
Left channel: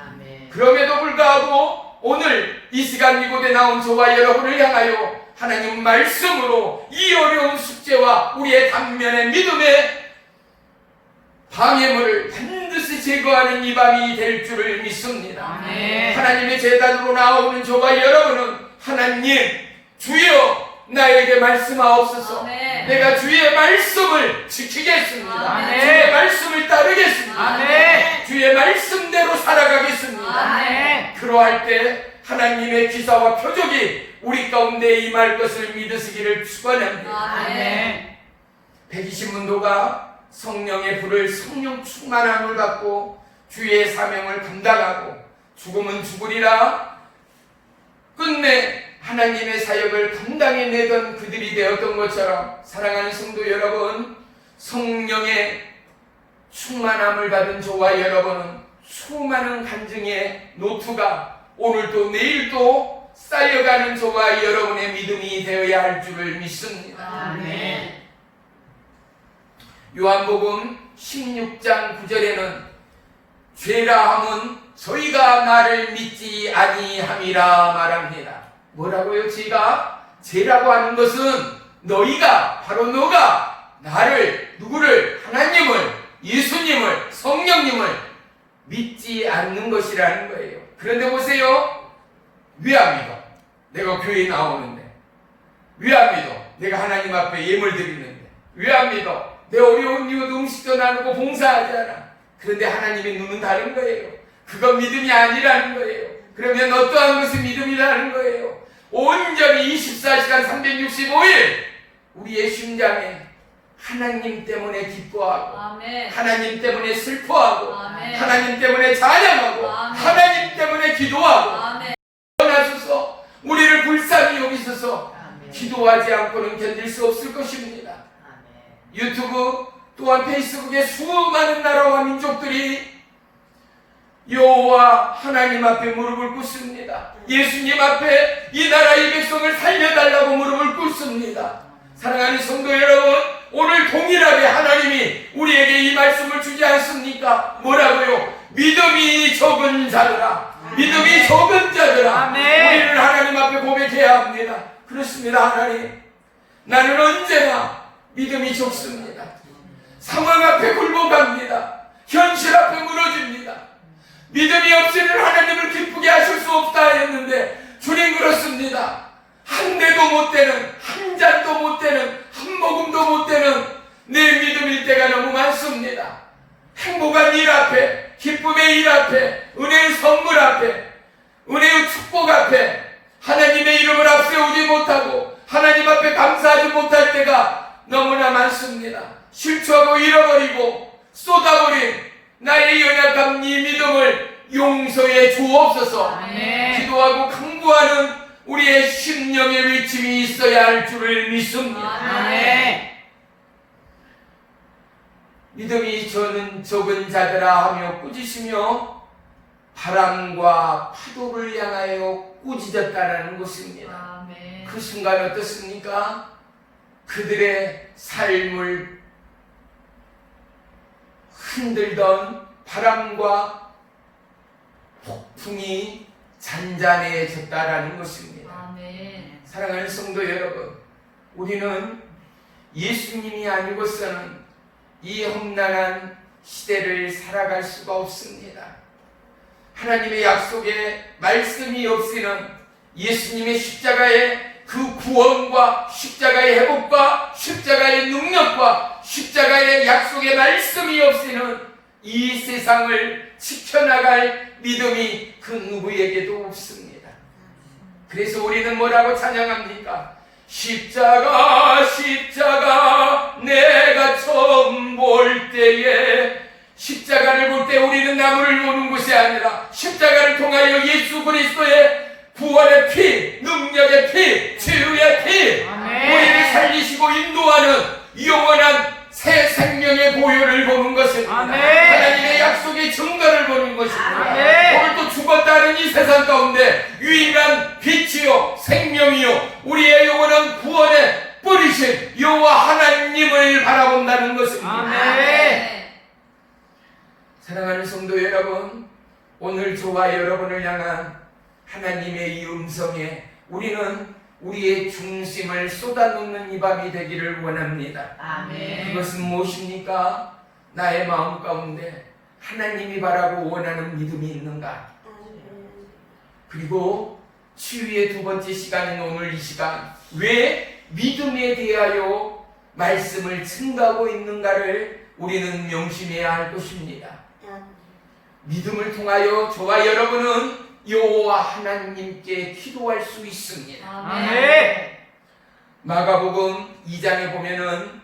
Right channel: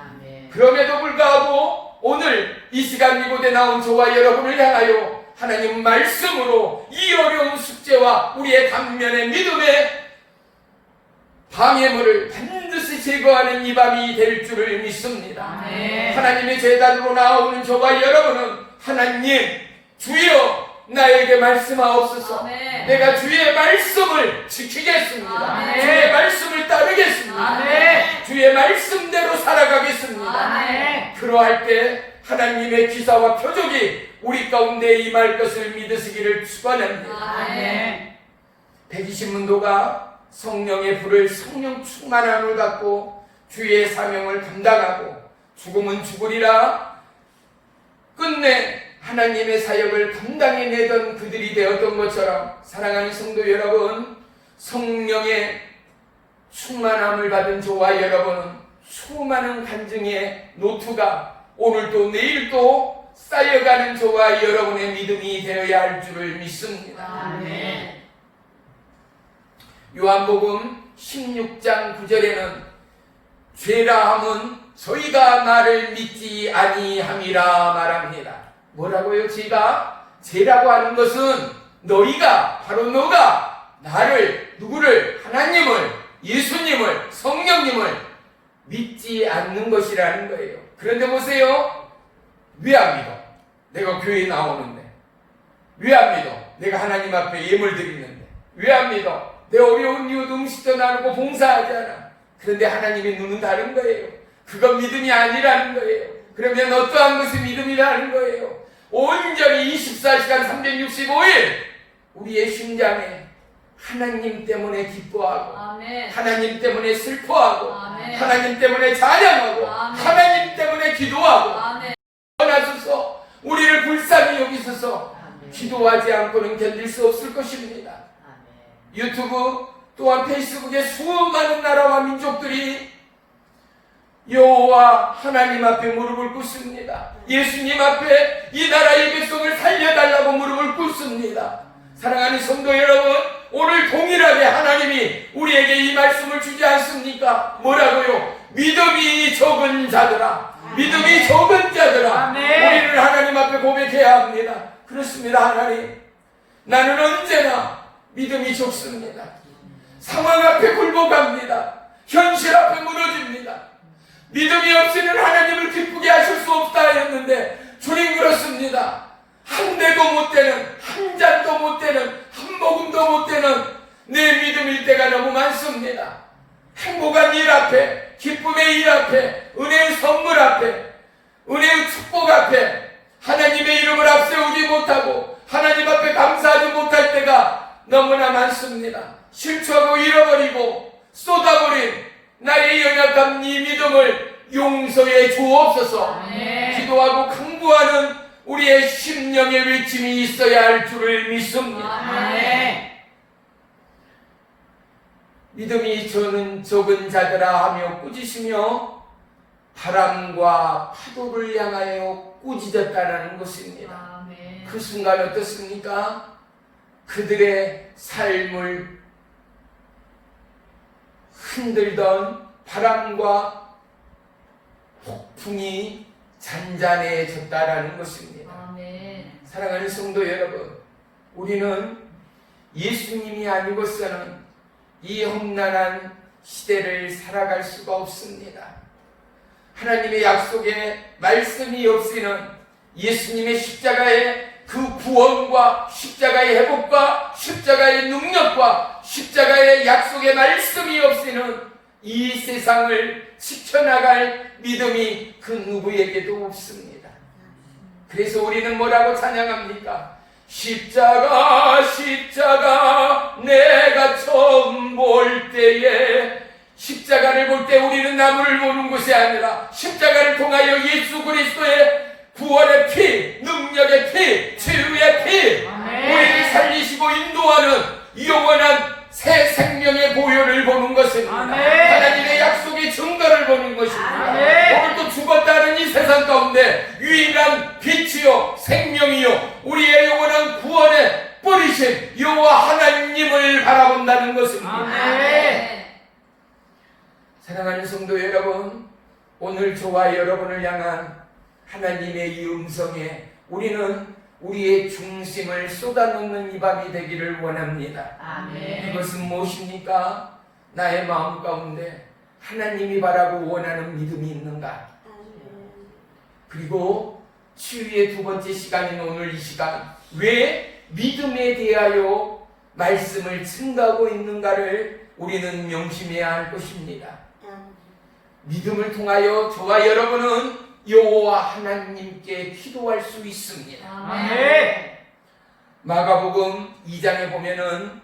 아멘. 그럼에도 불구하고 오늘 이 시간 이곳에 나온 저와 여러분을 향하여 하나님 말씀으로 이 어려운 숙제와 우리의 단면의 믿음의 방해물을 반드시 제거하는 이 밤이 될 줄을 믿습니다. 아멘. 하나님의 제단으로 나오는 저와 여러분은 하나님, 주여 나에게 말씀하옵소서. 아멘. 내가 주의 말씀을 지키겠습니다. 아멘. 주의 말씀을 따르겠습니다. 아멘. 주의 말씀대로 살아가겠습니다. 아멘. 그러할 때 하나님의 기사와 표적이 우리 가운데 임할 것을 믿으시기를 축원합니다. 아멘. 120문도가 성령의 불을, 성령 충만함을 받고 주의 사명을 감당하고 죽으면 죽으리라 끝내 하나님의 사역을 감당해내던 그들이 되었던 것처럼, 사랑하는 성도 여러분, 성령의 충만함을 받은 저와 여러분은 수많은 간증의 노트가 오늘도 내일도 쌓여가는 저와 여러분의 믿음이 되어야 할 줄을 믿습니다. 아멘. 요한복음 16장 9절에는 죄라 함은 저희가 나를 믿지 아니함이라 말합니다. 뭐라고요? 죄라고 하는 것은 너희가, 바로 너가 나를, 누구를? 하나님을, 예수님을, 성령님을 믿지 않는 것이라는 거예요. 그런데 보세요. 왜 안 믿어? 내가 교회에 나오는데? 왜 안 믿어? 내가 하나님 앞에 예물 드리는데 왜 안 믿어? 내 어려운 이웃 음식도 나누고 봉사하지 않아. 그런데 하나님의 눈은 다른 거예요. 그건 믿음이 아니라는 거예요. 그러면 어떠한 것이 믿음이라는 거예요? 온전히 24시간 365일 우리의 심장에 하나님 때문에 기뻐하고 아멘. 하나님 때문에 슬퍼하고 아멘. 하나님 때문에 찬양하고 아멘. 하나님 때문에 기도하고 아멘. 원하소서 우리를 불쌍히 여기소서. 아멘. 기도하지 않고는 견딜 수 없을 것입니다. 아멘. 유튜브 또한 페이스북에 수많은 나라와 민족들이 여호와 하나님 앞에 무릎을 꿇습니다. 예수님 앞에 이 나라의 백성을 살려달라고 무릎을 꿇습니다. 사랑하는 성도 여러분, 오늘 동일하게 하나님이 우리에게 이 말씀을 주지 않습니까? 뭐라고요? 믿음이 적은 자들아, 믿음이 적은 자들아, 아멘. 우리는 하나님 앞에 고백해야 합니다. 그렇습니다. 하나님, 나는 언제나 믿음이 적습니다. 상황 앞에 굴복합니다. 현실 앞에 무너집니다. 믿음이 없이는 하나님을 기쁘게 하실 수 없다 했는데 주님 그렇습니다. 한 대도 못 되는, 한 잔도 못 되는, 한 모금도 못 되는 내 믿음일 때가 너무 많습니다. 행복한 일 앞에, 기쁨의 일 앞에, 은혜의 선물 앞에, 은혜의 축복 앞에 하나님의 이름을 앞세우지 못하고 하나님 앞에 감사하지 못할 때가 너무나 많습니다. 실추하고 잃어버리고 쏟아버린 나의 연약한 이 믿음을 용서해 주옵소서. 아멘. 기도하고 간구하는 우리의 심령의 외침이 있어야 할 줄을 믿습니다. 아멘. 믿음이 저는 적은 자들아 하며 꾸짖으며 바람과 파도를 향하여 꾸짖었다라는 것입니다. 아멘. 그 순간 어떻습니까? 그들의 삶을 흔들던 바람과 폭풍이 잔잔해졌다라는 것입니다. 아멘. 사랑하는 성도 여러분, 우리는 예수님이 아니고서는 이 험난한 시대를 살아갈 수가 없습니다. 하나님의 약속에 말씀이 없이는 예수님의 십자가의 그 구원과 십자가의 회복과 십자가의 능력과 십자가의 약속의 말씀이 없이는 이 세상을 지켜나갈 믿음이 그 누구에게도 없습니다. 그래서 우리는 뭐라고 찬양합니까? 십자가 십자가 내가 처음 볼 때에 십자가를 볼 때 우리는 나무를 보는 것이 아니라 십자가를 통하여 예수 그리스도의 구원의 피, 능력의 피, 치유의 피, 아멘. 우리를 살리시고 인도하는 영원한 새 생명의 보혈을 보는 것입니다. 아멘. 하나님의 약속의 증거를 보는 것입니다. 아멘. 오늘도 죽었다는 이 세상 가운데 유일한 빛이요 생명이요 우리의 영원한 구원의 뿌리신 여호와 하나님을 바라본다는 것입니다. 아멘. 사랑하는 성도 여러분, 오늘 저와 여러분을 향한 하나님의 이 음성에 우리는 우리의 중심을 쏟아놓는 이 밤이 되기를 원합니다. 아멘. 그것은 무엇입니까? 나의 마음 가운데 하나님이 바라고 원하는 믿음이 있는가? 그리고 치유의 두 번째 시간인 오늘 이 시간, 왜 믿음에 대하여 말씀을 증가하고 있는가를 우리는 명심해야 할 것입니다. 믿음을 통하여 저와 여러분은 여호와 하나님께 기도할 수 있습니다. 아멘. 마가복음 2장에 보면은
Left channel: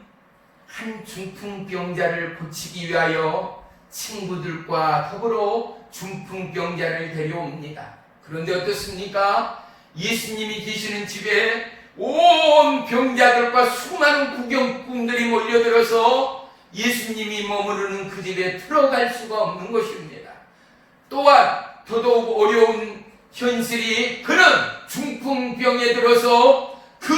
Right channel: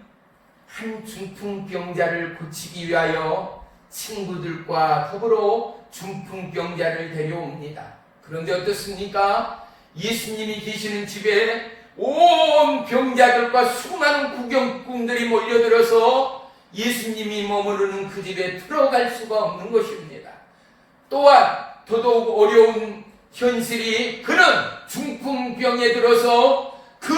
한 중풍병자를 고치기 위하여 친구들과 더불어 중풍병자를 데려옵니다. 그런데 어떻습니까? 예수님이 계시는 집에 온 병자들과 수많은 구경꾼들이 몰려들어서 예수님이 머무르는 그 집에 들어갈 수가 없는 것입니다. 또한 더더욱 어려운 현실이 그는 중풍병에 들어서 그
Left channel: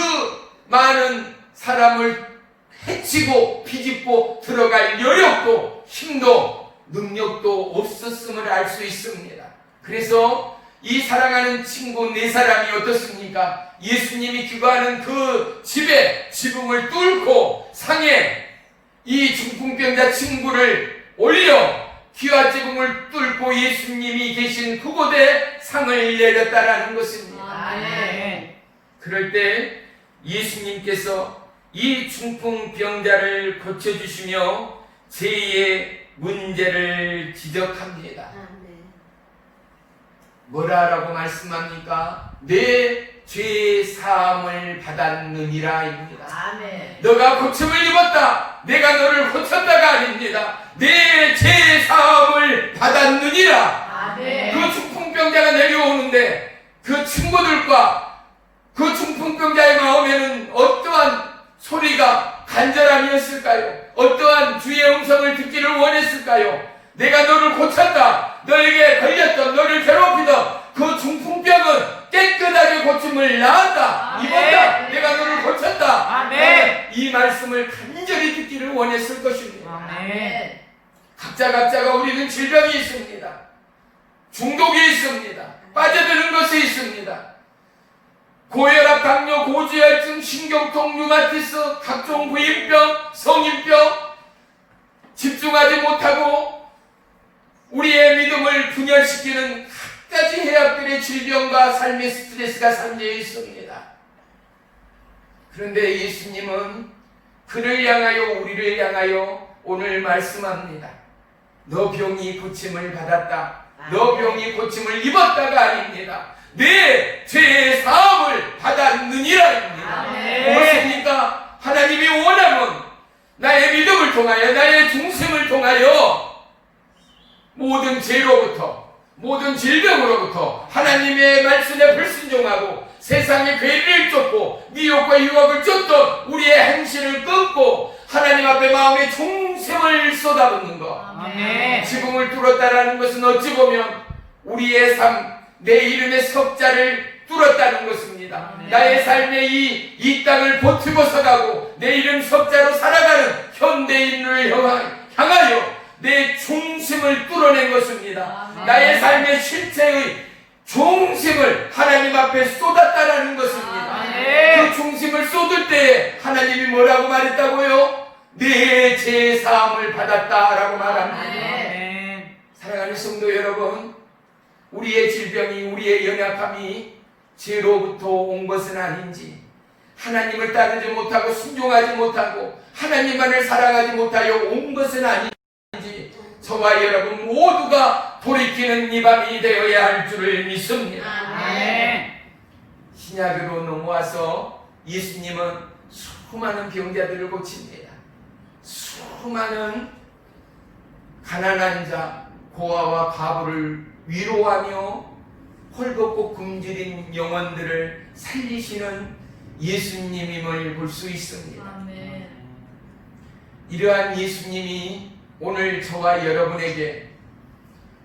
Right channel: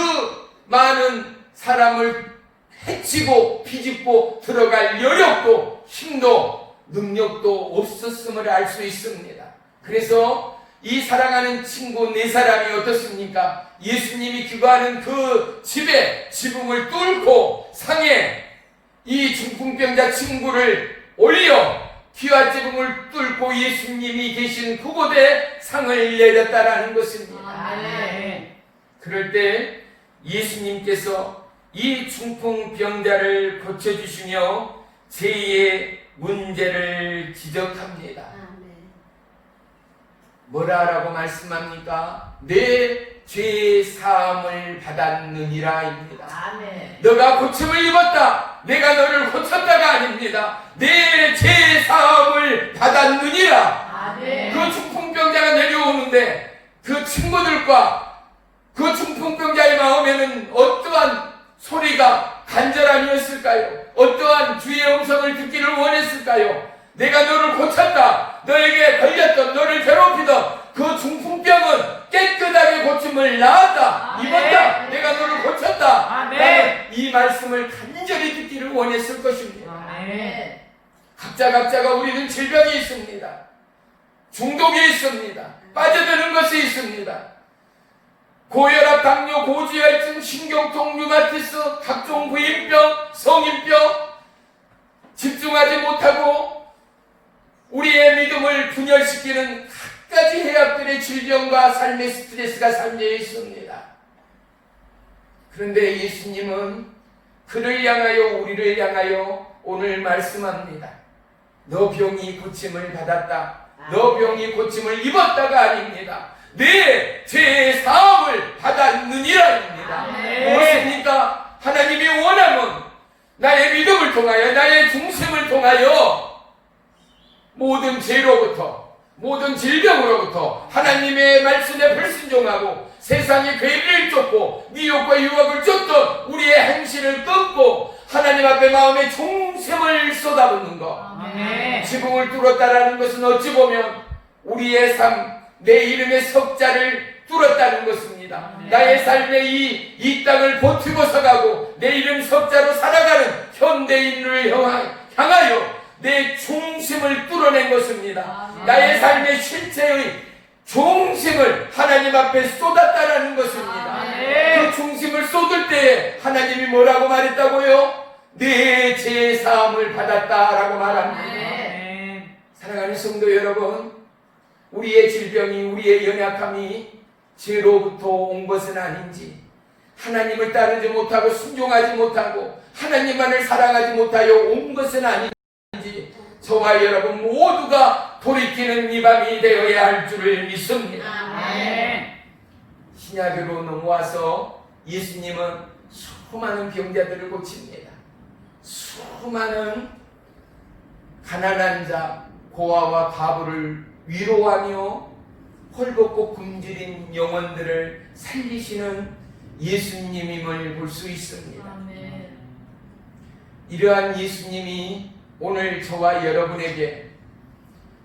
많은 사람을 해치고 비집고 들어갈 여력도 힘도 능력도 없었음을 알 수 있습니다. 그래서 이 사랑하는 친구 네 사람이 어떻습니까? 예수님이 기거하는 그 집에 지붕을 뚫고 상에 이 중풍병자 친구를 올려 귀와 지붕을 뚫고 예수님이 계신 그곳에 상을 내렸다라는 것입니다. 아멘. 그럴 때 예수님께서 이 중풍병자를 고쳐주시며 죄의 문제를 지적합니다. 아멘. 뭐라라고 말씀합니까? 내 죄 사함을 받았느니라입니다. 아멘. 너가 고침을 입었다. 내가 너를 고쳤다가 아닙니다. 내 죄 사함을 받았느니라. 아멘. 그 중풍병자가 내려오는데 그 친구들과 그 중풍병자의 마음에는 어떠한 소리가 간절함이었을까요? 어떠한 주의 음성을 듣기를 원했을까요? 내가 너를 고쳤다. 너에게 걸렸던, 너를 괴롭히던 그 중풍병은 깨끗하게 고침을 나았다. 아멘. 입었다. 내가 너를 고쳤다. 아멘. 이 말씀을 간절히 듣기를 원했을 것입니다. 아멘. 각자가 우리는 질병이 있습니다. 중독이 있습니다. 빠져드는 것이 있습니다. 고혈압, 당뇨, 고지혈증, 신경통, 류마티스, 각종 부인병, 성인병, 집중하지 못하고 우리의 믿음을 분열시키는 갖가지 해악들의 질병과 삶의 스트레스가 삶에 있습니다. 그런데 예수님은 그를 향하여 우리를 향하여 오늘 말씀합니다. 너 병이 고침을 받았다. 너 병이 고침을 입었다가 아닙니다. 내 죄의 사함을 받았느니라입니다. 아멘. 무엇입니까? 하나님이 원함은 나의 믿음을 통하여 나의 중심을 통하여 모든 죄로부터 모든 질병으로부터 하나님의 말씀에 불순종하고 세상의 괴리를 쫓고 미혹과 유혹을 쫓던 우리의 행실을 끊고 하나님 앞에 마음의 중심을 쏟아붓는 것. 아멘. 지붕을 뚫었다라는 것은 어찌 보면 우리의 삶, 내 이름의 석자를 뚫었다는 것입니다. 아멘. 나의 삶의 이 땅을 버티고 서가고 내 이름 석자로 살아가는 현대인을 향하여 내 중심을 뚫어낸 것입니다. 아멘. 나의 삶의 실체의 중심을 하나님 앞에 쏟았다라는 것입니다. 아멘. 그 중심을 쏟을 때에 하나님이 뭐라고 말했다고요? 내 죄 사함을 받았다라고 말합니다. 아멘. 사랑하는 성도 여러분, 우리의 질병이, 우리의 연약함이 죄로부터 온 것은 아닌지, 하나님을 따르지 못하고 순종하지 못하고 하나님만을 사랑하지 못하여 온 것은 아닌지, 저와 여러분 모두가 돌이키는 이 밤이 되어야 할 줄을 믿습니다. 아멘. 신약으로 넘어와서 예수님은 수많은 병자들을 고칩니다. 수많은 가난한 자, 고아와 과부를 위로하며 헐벗고 굶주린 영혼들을 살리시는 예수님임을 볼 수 있습니다. 아멘. 이러한 예수님이 오늘 저와 여러분에게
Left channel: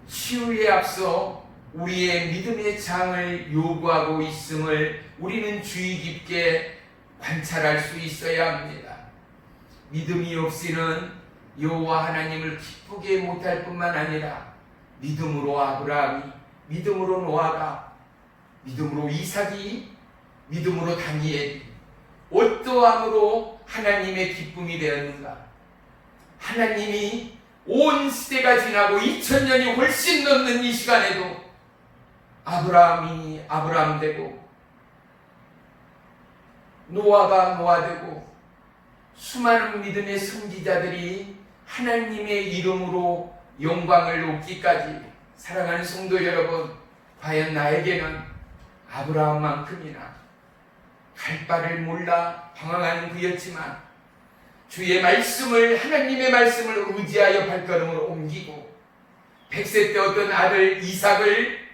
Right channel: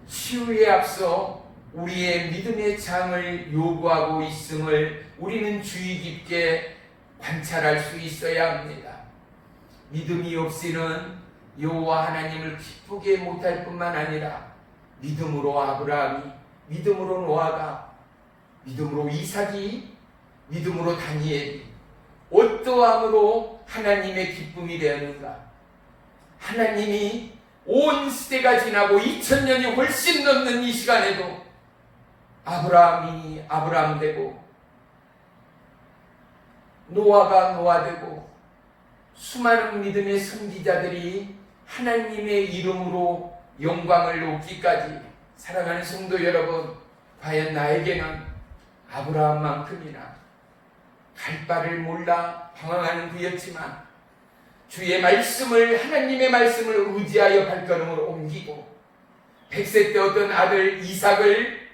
치유에 앞서 우리의 믿음의 장을 요구하고 있음을 우리는 주의 깊게 관찰할 수 있어야 합니다. 믿음이 없이는 여호와 하나님을 기쁘게 못할 뿐만 아니라 믿음으로 아브라함이, 믿음으로 노아가, 믿음으로 이삭이, 믿음으로 다니엘이 어떠함으로 하나님의 기쁨이 되었는가? 하나님이 온 시대가 지나고 2000년이 훨씬 넘는 이 시간에도 아브라함이 아브라함 되고 노아가 노아 되고 수많은 믿음의 선지자들이 하나님의 이름으로 영광을 높기까지, 사랑하는 성도 여러분, 과연 나에게는 아브라함만큼이나 갈 바를 몰라 방황하는 그였지만 주의 말씀을, 하나님의 말씀을 의지하여 발걸음을 옮기고 100세 때 어떤 아들 이삭을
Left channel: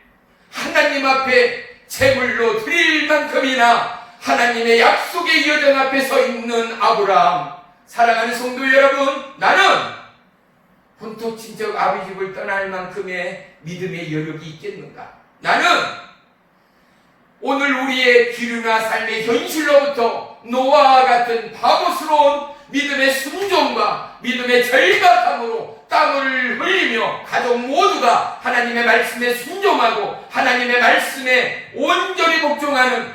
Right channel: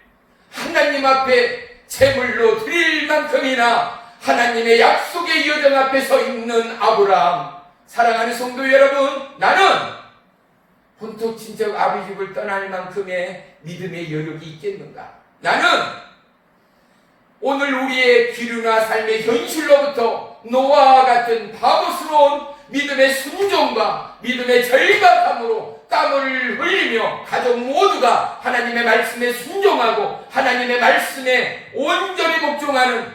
하나님 앞에 제물로 드릴 만큼이나 하나님의 약속의 여정 앞에 서 있는 아브라함. 사랑하는 성도 여러분, 나는 본토 친척 아비 집을 떠날 만큼의 믿음의 여력이 있겠는가? 나는 오늘 우리의 기류나 삶의 현실로부터 노아와 같은 바보스러운 믿음의 순종과 믿음의 절박함으로 땀을 흘리며 가족 모두가 하나님의 말씀에 순종하고 하나님의 말씀에 온전히 복종하는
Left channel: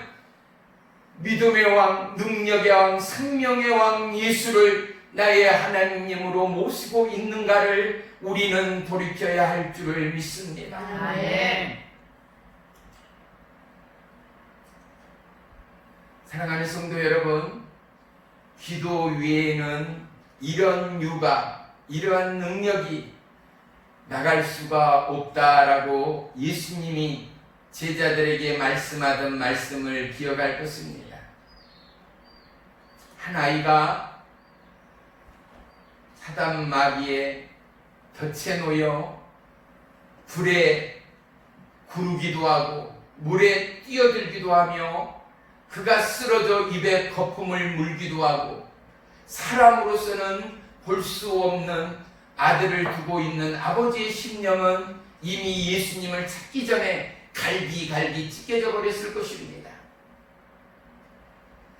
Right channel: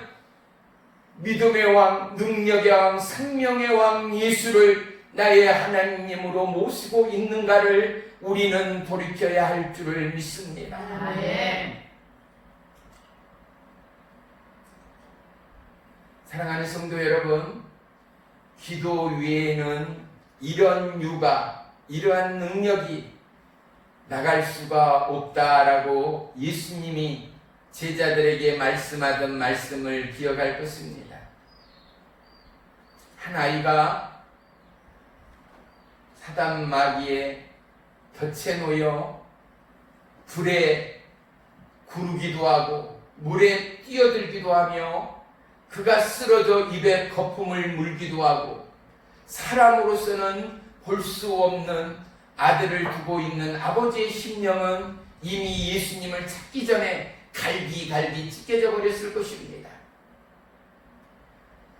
믿음의 왕, 능력의 왕, 생명의 왕 예수를 나의 하나님으로 모시고 있는가를 우리는 돌이켜야 할 줄을 믿습니다. 아멘. 사랑하는 성도 여러분, 기도 외에는 이런 유가, 이러한 능력이 나갈 수가 없다라고 예수님이 제자들에게 말씀하던 말씀을 기억할 것입니다. 한 아이가 사단 마귀의 덫에 놓여 불에 구르기도 하고 물에 뛰어들기도 하며 그가 쓰러져 입에 거품을 물기도 하고 사람으로서는 볼 수 없는 아들을 두고 있는 아버지의 심령은 이미 예수님을 찾기 전에 갈기갈기 찢겨져 버렸을 것입니다.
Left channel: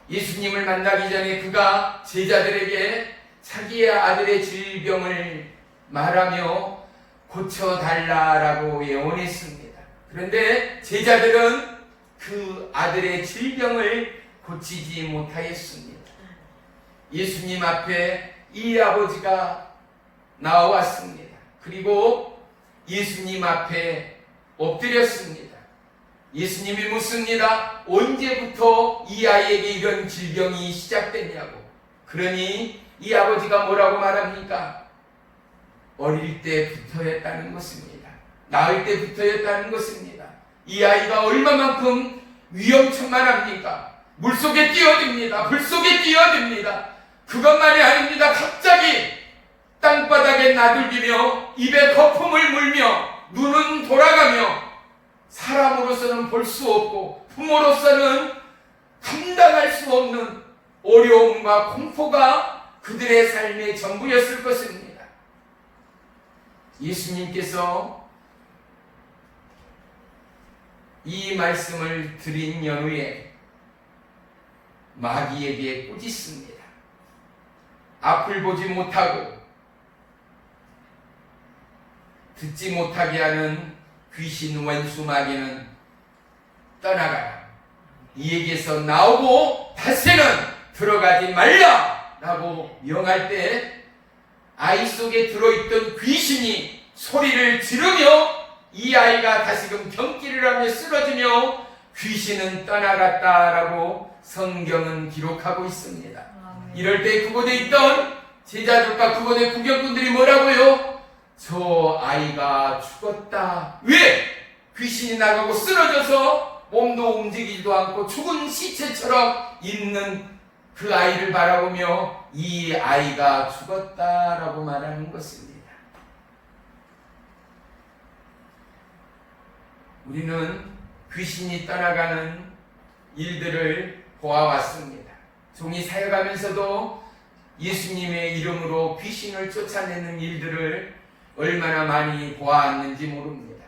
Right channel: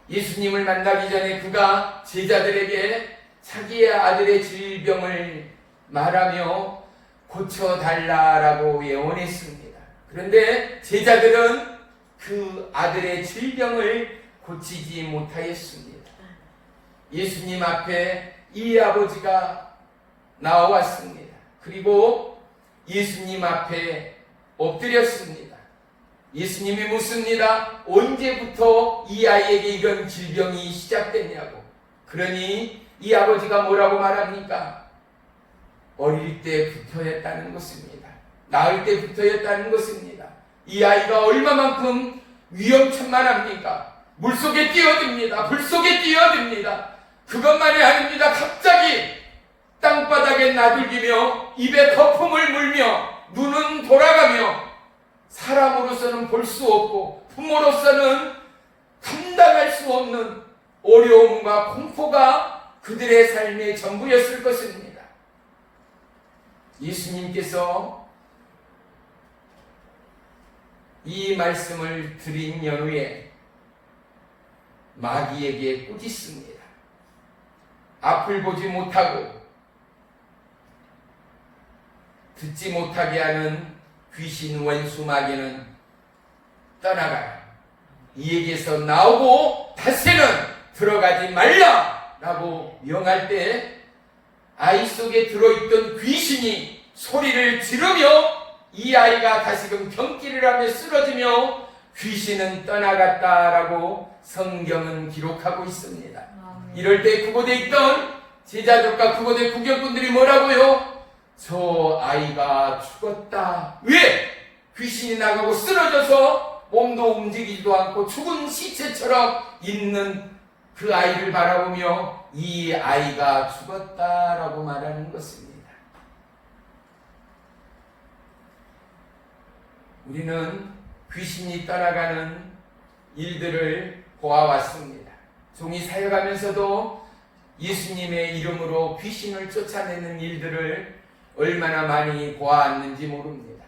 예수님을 만나기 전에 그가 제자들에게 자기의 아들의 질병을 말하며 고쳐달라라고 예언했습니다. 그런데 제자들은 그 아들의 질병을 고치지 못하였습니다. 예수님 앞에 이 아버지가 나왔습니다. 그리고 예수님 앞에 엎드렸습니다. 예수님이 묻습니다. 언제부터 이 아이에게 이런 질병이 시작됐냐고. 그러니 이 아버지가 뭐라고 말합니까? 어릴 때부터였다는 것입니다. 낳을 때부터였다는 것입니다. 이 아이가 얼마만큼 위험천만합니까? 물속에 뛰어듭니다. 불속에 뛰어듭니다. 그것만이 아닙니다. 갑자기 땅바닥에 나들기며 입에 거품을 물며 눈은 돌아가며 사람으로서는 볼 수 없고 부모로서는 감당할 수 없는 어려움과 공포가 그들의 삶의 전부였을 것입니다. 예수님께서 이 말씀을 드린 연후에 마귀에게 꾸짖습니다. 앞을 보지 못하고 듣지 못하게 하는 귀신 원수 마귀는 떠나가라. 이에게서 나오고 다시는 들어가지 말라 라고 명할 때 아이 속에 들어있던 귀신이 소리를 지르며 이 아이가 다시금 경기를 하며 쓰러지며 귀신은 떠나갔다라고 성경은 기록하고 있습니다. 이럴 때 그곳에 있던 제자들과 그곳의 구경꾼들이 뭐라고요? 저 아이가 죽었다. 왜? 귀신이 나가고 쓰러져서 몸도 움직이지도 않고 죽은 시체처럼 있는 그 아이를 바라보며 이 아이가 죽었다라고 말하는 것입니다. 우리는 귀신이 떠나가는 일들을 보아왔습니다. 종이 사역하면서도 예수님의 이름으로 귀신을 쫓아내는 일들을 얼마나 많이 보았는지 모릅니다.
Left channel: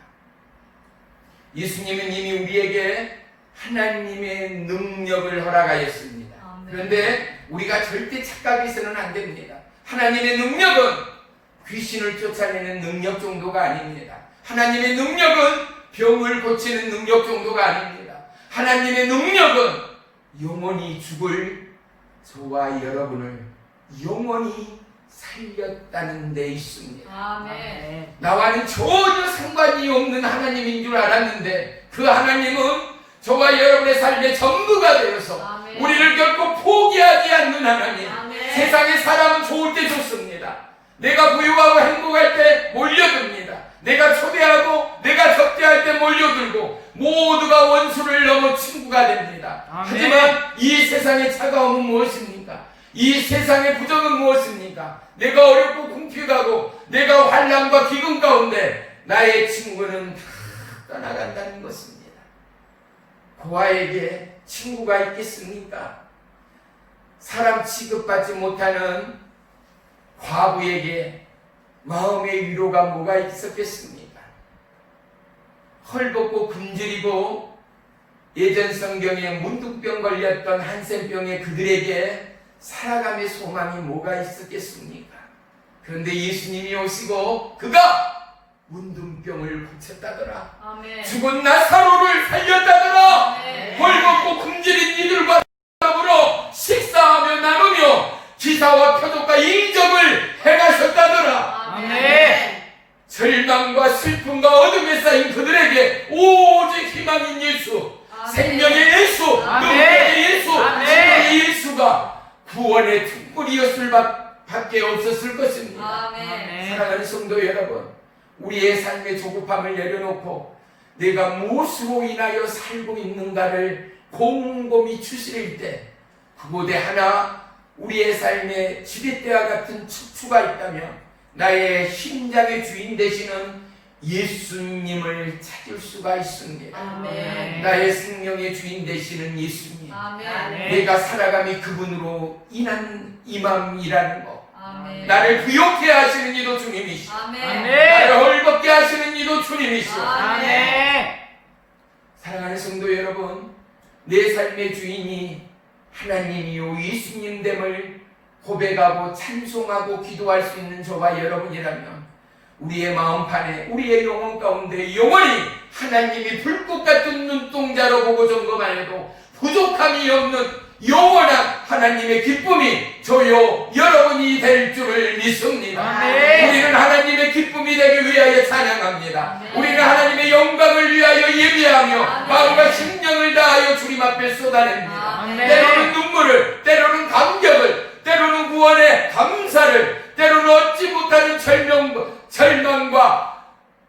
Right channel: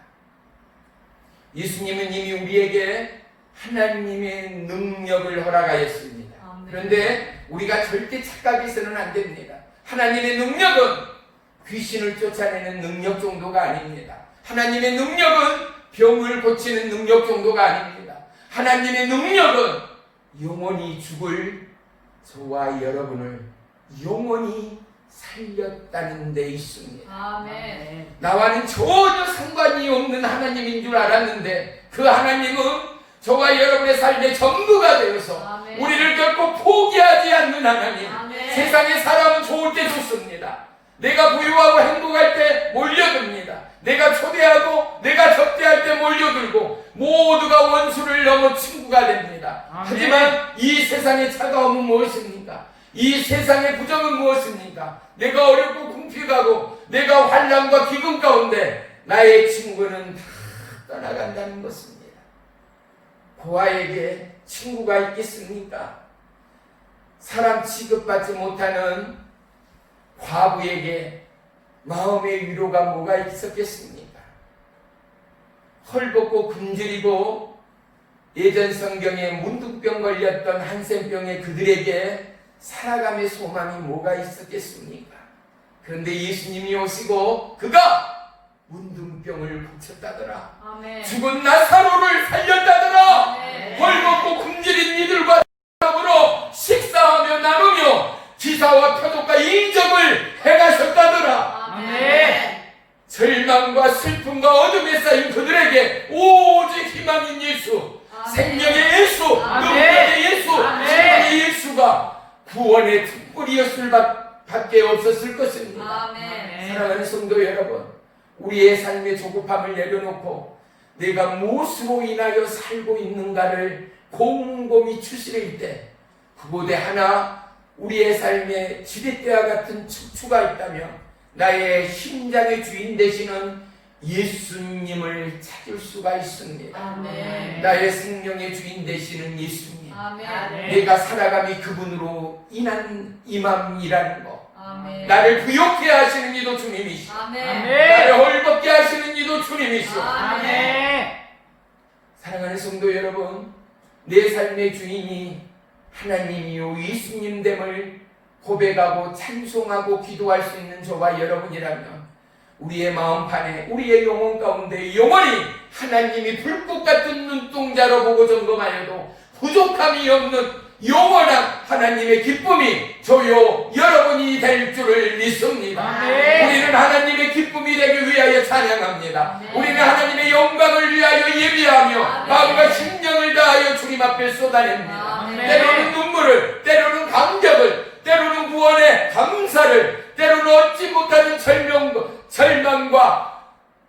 예수님은 이미 우리에게 하나님의 능력을 허락하였습니다. 그런데 우리가 절대 착각해서는 안 됩니다. 하나님의 능력은 귀신을 쫓아내는 능력 정도가 아닙니다. 하나님의 능력은 병을 고치는 능력 정도가 아닙니다. 하나님의 능력은 영원히 죽을 저와 여러분을 영원히 살렸다는 데 있습니다. 아멘. 나와는 전혀 상관이 없는 하나님인 줄 알았는데 그 하나님은 저와 여러분의 삶의 전부가 되어서 아멘. 우리를 결코 포기하지 않는 하나님. 아멘. 세상에 사람은 좋을 때 좋습니다. 내가 부유하고 행복할 때 몰려듭니다. 내가 초대하고 내가 접대할 때 몰려들고 모두가 원수를 넘어 친구가 됩니다. 아멘. 하지만 이 세상의 차가움은 무엇입니까? 이 세상의 부정은 무엇입니까? 내가 어렵고 궁핍하고 내가 환난과 기근 가운데 나의 친구는 다 떠나간다는 것입니다. 고아에게 친구가 있겠습니까? 사람 취급받지 못하는 과부에게 마음의 위로가 뭐가 있었겠습니까? 헐벗고 굶주리고 예전 성경에 문둥병 걸렸던 한센병의 그들에게 살아감의 소망이 뭐가 있었겠습니까? 그런데 예수님이 오시고 그가 문둥병을 고쳤다더라. 아멘. 죽은 나사로를 살렸다더라. 아멘. 헐벗고 굶주린 이들과 더불어 식사하며 나누며 기사와 표독과 인정을 행하셨다더라. 아멘. 절망과 슬픔과 어둠에 쌓인 그들에게 오직 희망인 예수, 생명의 예수, 아멘. 능력의 예수, 아멘. 예수가 구원의 특불이었을 밖에 없었을 것입니다. 아멘. 사랑하는 성도 여러분, 우리의 삶의 조급함을 내려놓고 내가 무엇으로 인하여 살고 있는가를 곰곰이 추스릴 때 그곳에 하나 우리의 삶에 지렛대와 같은 척추가 있다면 나의 심장의 주인 되시는 예수님을 찾을 수가 있습니다. 아멘. 나의 생명의 주인 되시는 예수님, 아멘. 내가 살아감이 그분으로 인한 임함이라는 것, 아멘. 나를 부욕해 하시는 이도 주님이시오, 아멘. 나를 헐벗게 하시는 이도 주님이시오. 아멘. 사랑하는 성도 여러분, 내 삶의 주인이 하나님이요 예수님됨을 고백하고 찬송하고 기도할 수 있는 저와 여러분이라면 우리의 마음판에, 우리의 영혼 가운데 영원히 하나님이 불꽃 같은 눈동자로 보고 점검하여도 부족함이 없는 영원한 하나님의 기쁨이 저요 여러분이 될 줄을 믿습니다. 아멘. 우리는 하나님의 기쁨이 되기 위하여 찬양합니다. 아멘. 우리는 하나님의 영광을 위하여 예비하며 아멘. 마음과 심령을 다하여 주님 앞에 쏟아냅니다. 아멘. 때로는 눈물을, 때로는 감격을, 때로는 구원의 감사를, 때로는 얻지 못하는 절망과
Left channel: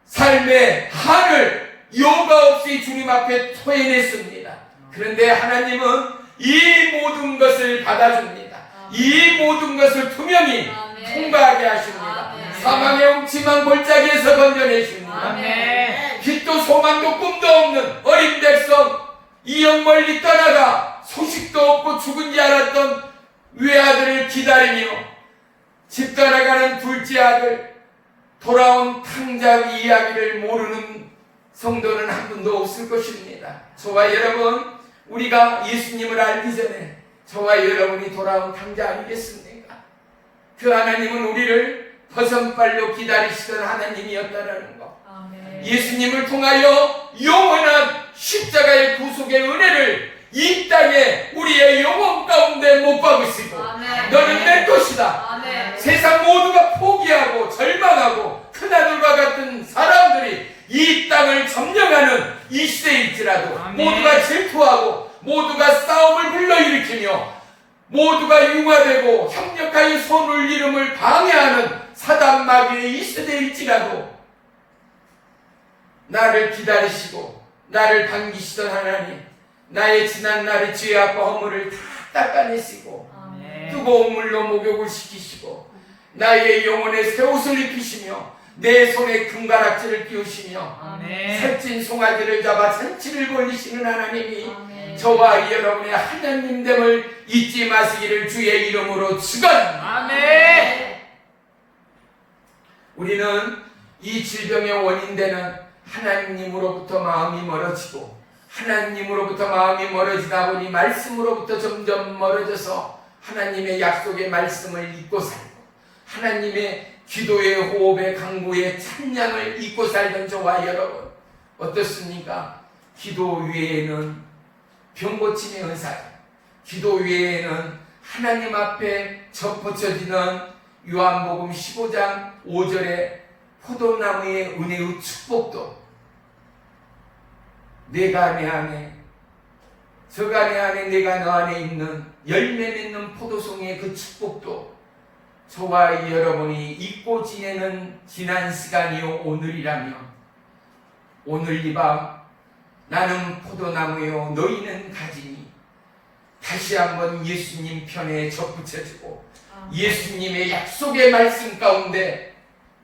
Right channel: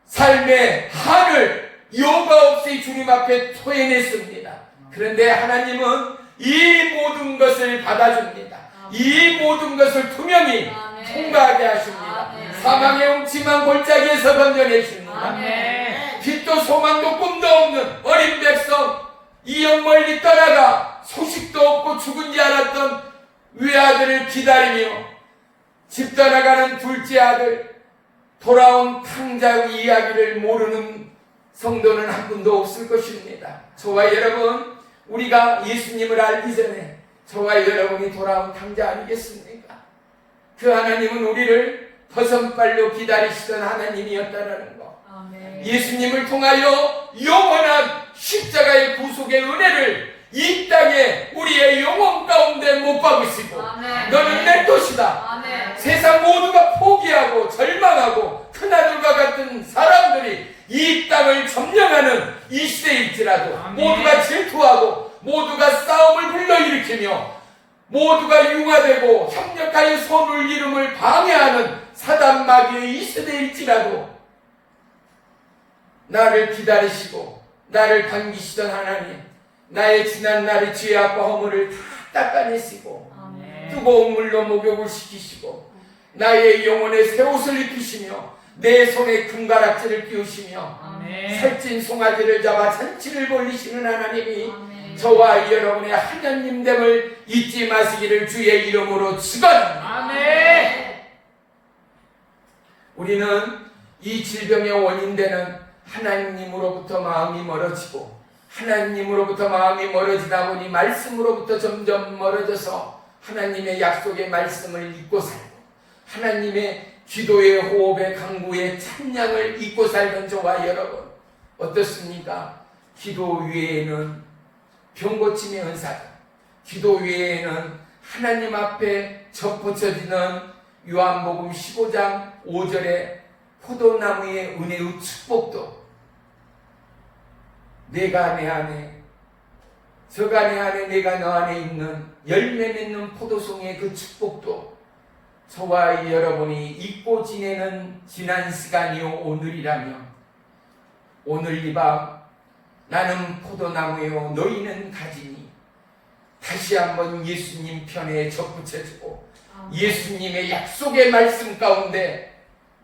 삶의 한을 여과 없이 주님 앞에 토해냈습니다. 그런데 하나님은 이 모든 것을 받아줍니다. 이 모든 것을 투명히 통과하게 하십니다. 아멘. 사망의 음침한 골짜기에서 건져내십니다. 아멘. 빛도 소망도 꿈도 없는 어린 백성, 이영 멀리 떠나가 소식도 없고 죽은 지 알았던 외아들을 기다리며 집 떠나가는 둘째 아들, 돌아온 탕자 이야기를 모르는 성도는 한 분도 없을 것입니다. 저와 여러분, 우리가 예수님을 알기 전에 저와 여러분이 돌아온 탕자 아니겠습니까? 그 하나님은 우리를 버선발로 기다리시던 하나님이었다라는 것, 아멘. 예수님을 통하여 영원한 십자가의 구속의 은혜를 이 땅에 우리의 영혼 가운데 못 박으시고 아멘. 너는 내 것이다. 아멘. 세상 모두가 포기하고 절망하고 큰아들과 같은 사람들이 이 땅을 점령하는 이 시대일지라도 아멘. 모두가 질투하고 모두가 싸움을 불러일으키며 모두가 융화되고 협력하여 손을 이름을 방해하는 사단 마귀의 이 시대일지라도 나를 기다리시고 나를 반기시던 하나님, 나의 지난 날의 죄악과 허물을 다 닦아내시고 아멘. 뜨거운 물로 목욕을 시키시고 나의 영혼에 새 옷을 입히시며 내 손에 금가락지를 끼우시며 아멘. 살찐 송아지를 잡아 잔치를 벌리시는 하나님이 아멘. 저와 여러분의 하나님됨을 잊지 마시기를 주의 이름으로 축원합니다. 아멘. 우리는 이 질병의 원인되는 하나님으로부터 마음이 멀어지고 하나님으로부터 마음이 멀어지다 보니 말씀으로부터 점점 멀어져서 하나님의 약속의 말씀을 잊고 살고 하나님의 기도의 호흡의 강구의 찬양을 잊고 살던 저와 여러분 어떻습니까? 기도 외에는 병고침의 은사, 기도 외에는 하나님 앞에 접붙여지는 요한복음 15장 5절의 포도나무의 은혜의 축복도 내가 내 안에 저가 내 안에 내가 너 안에 있는 열매 맺는 포도송의 그 축복도 저와 여러분이 잊고 지내는 지난 시간이요 오늘이라면 오늘 이 밤 나는 포도나무요 너희는 가지니 다시 한번 예수님 편에 접붙여주고 예수님의 약속의 말씀 가운데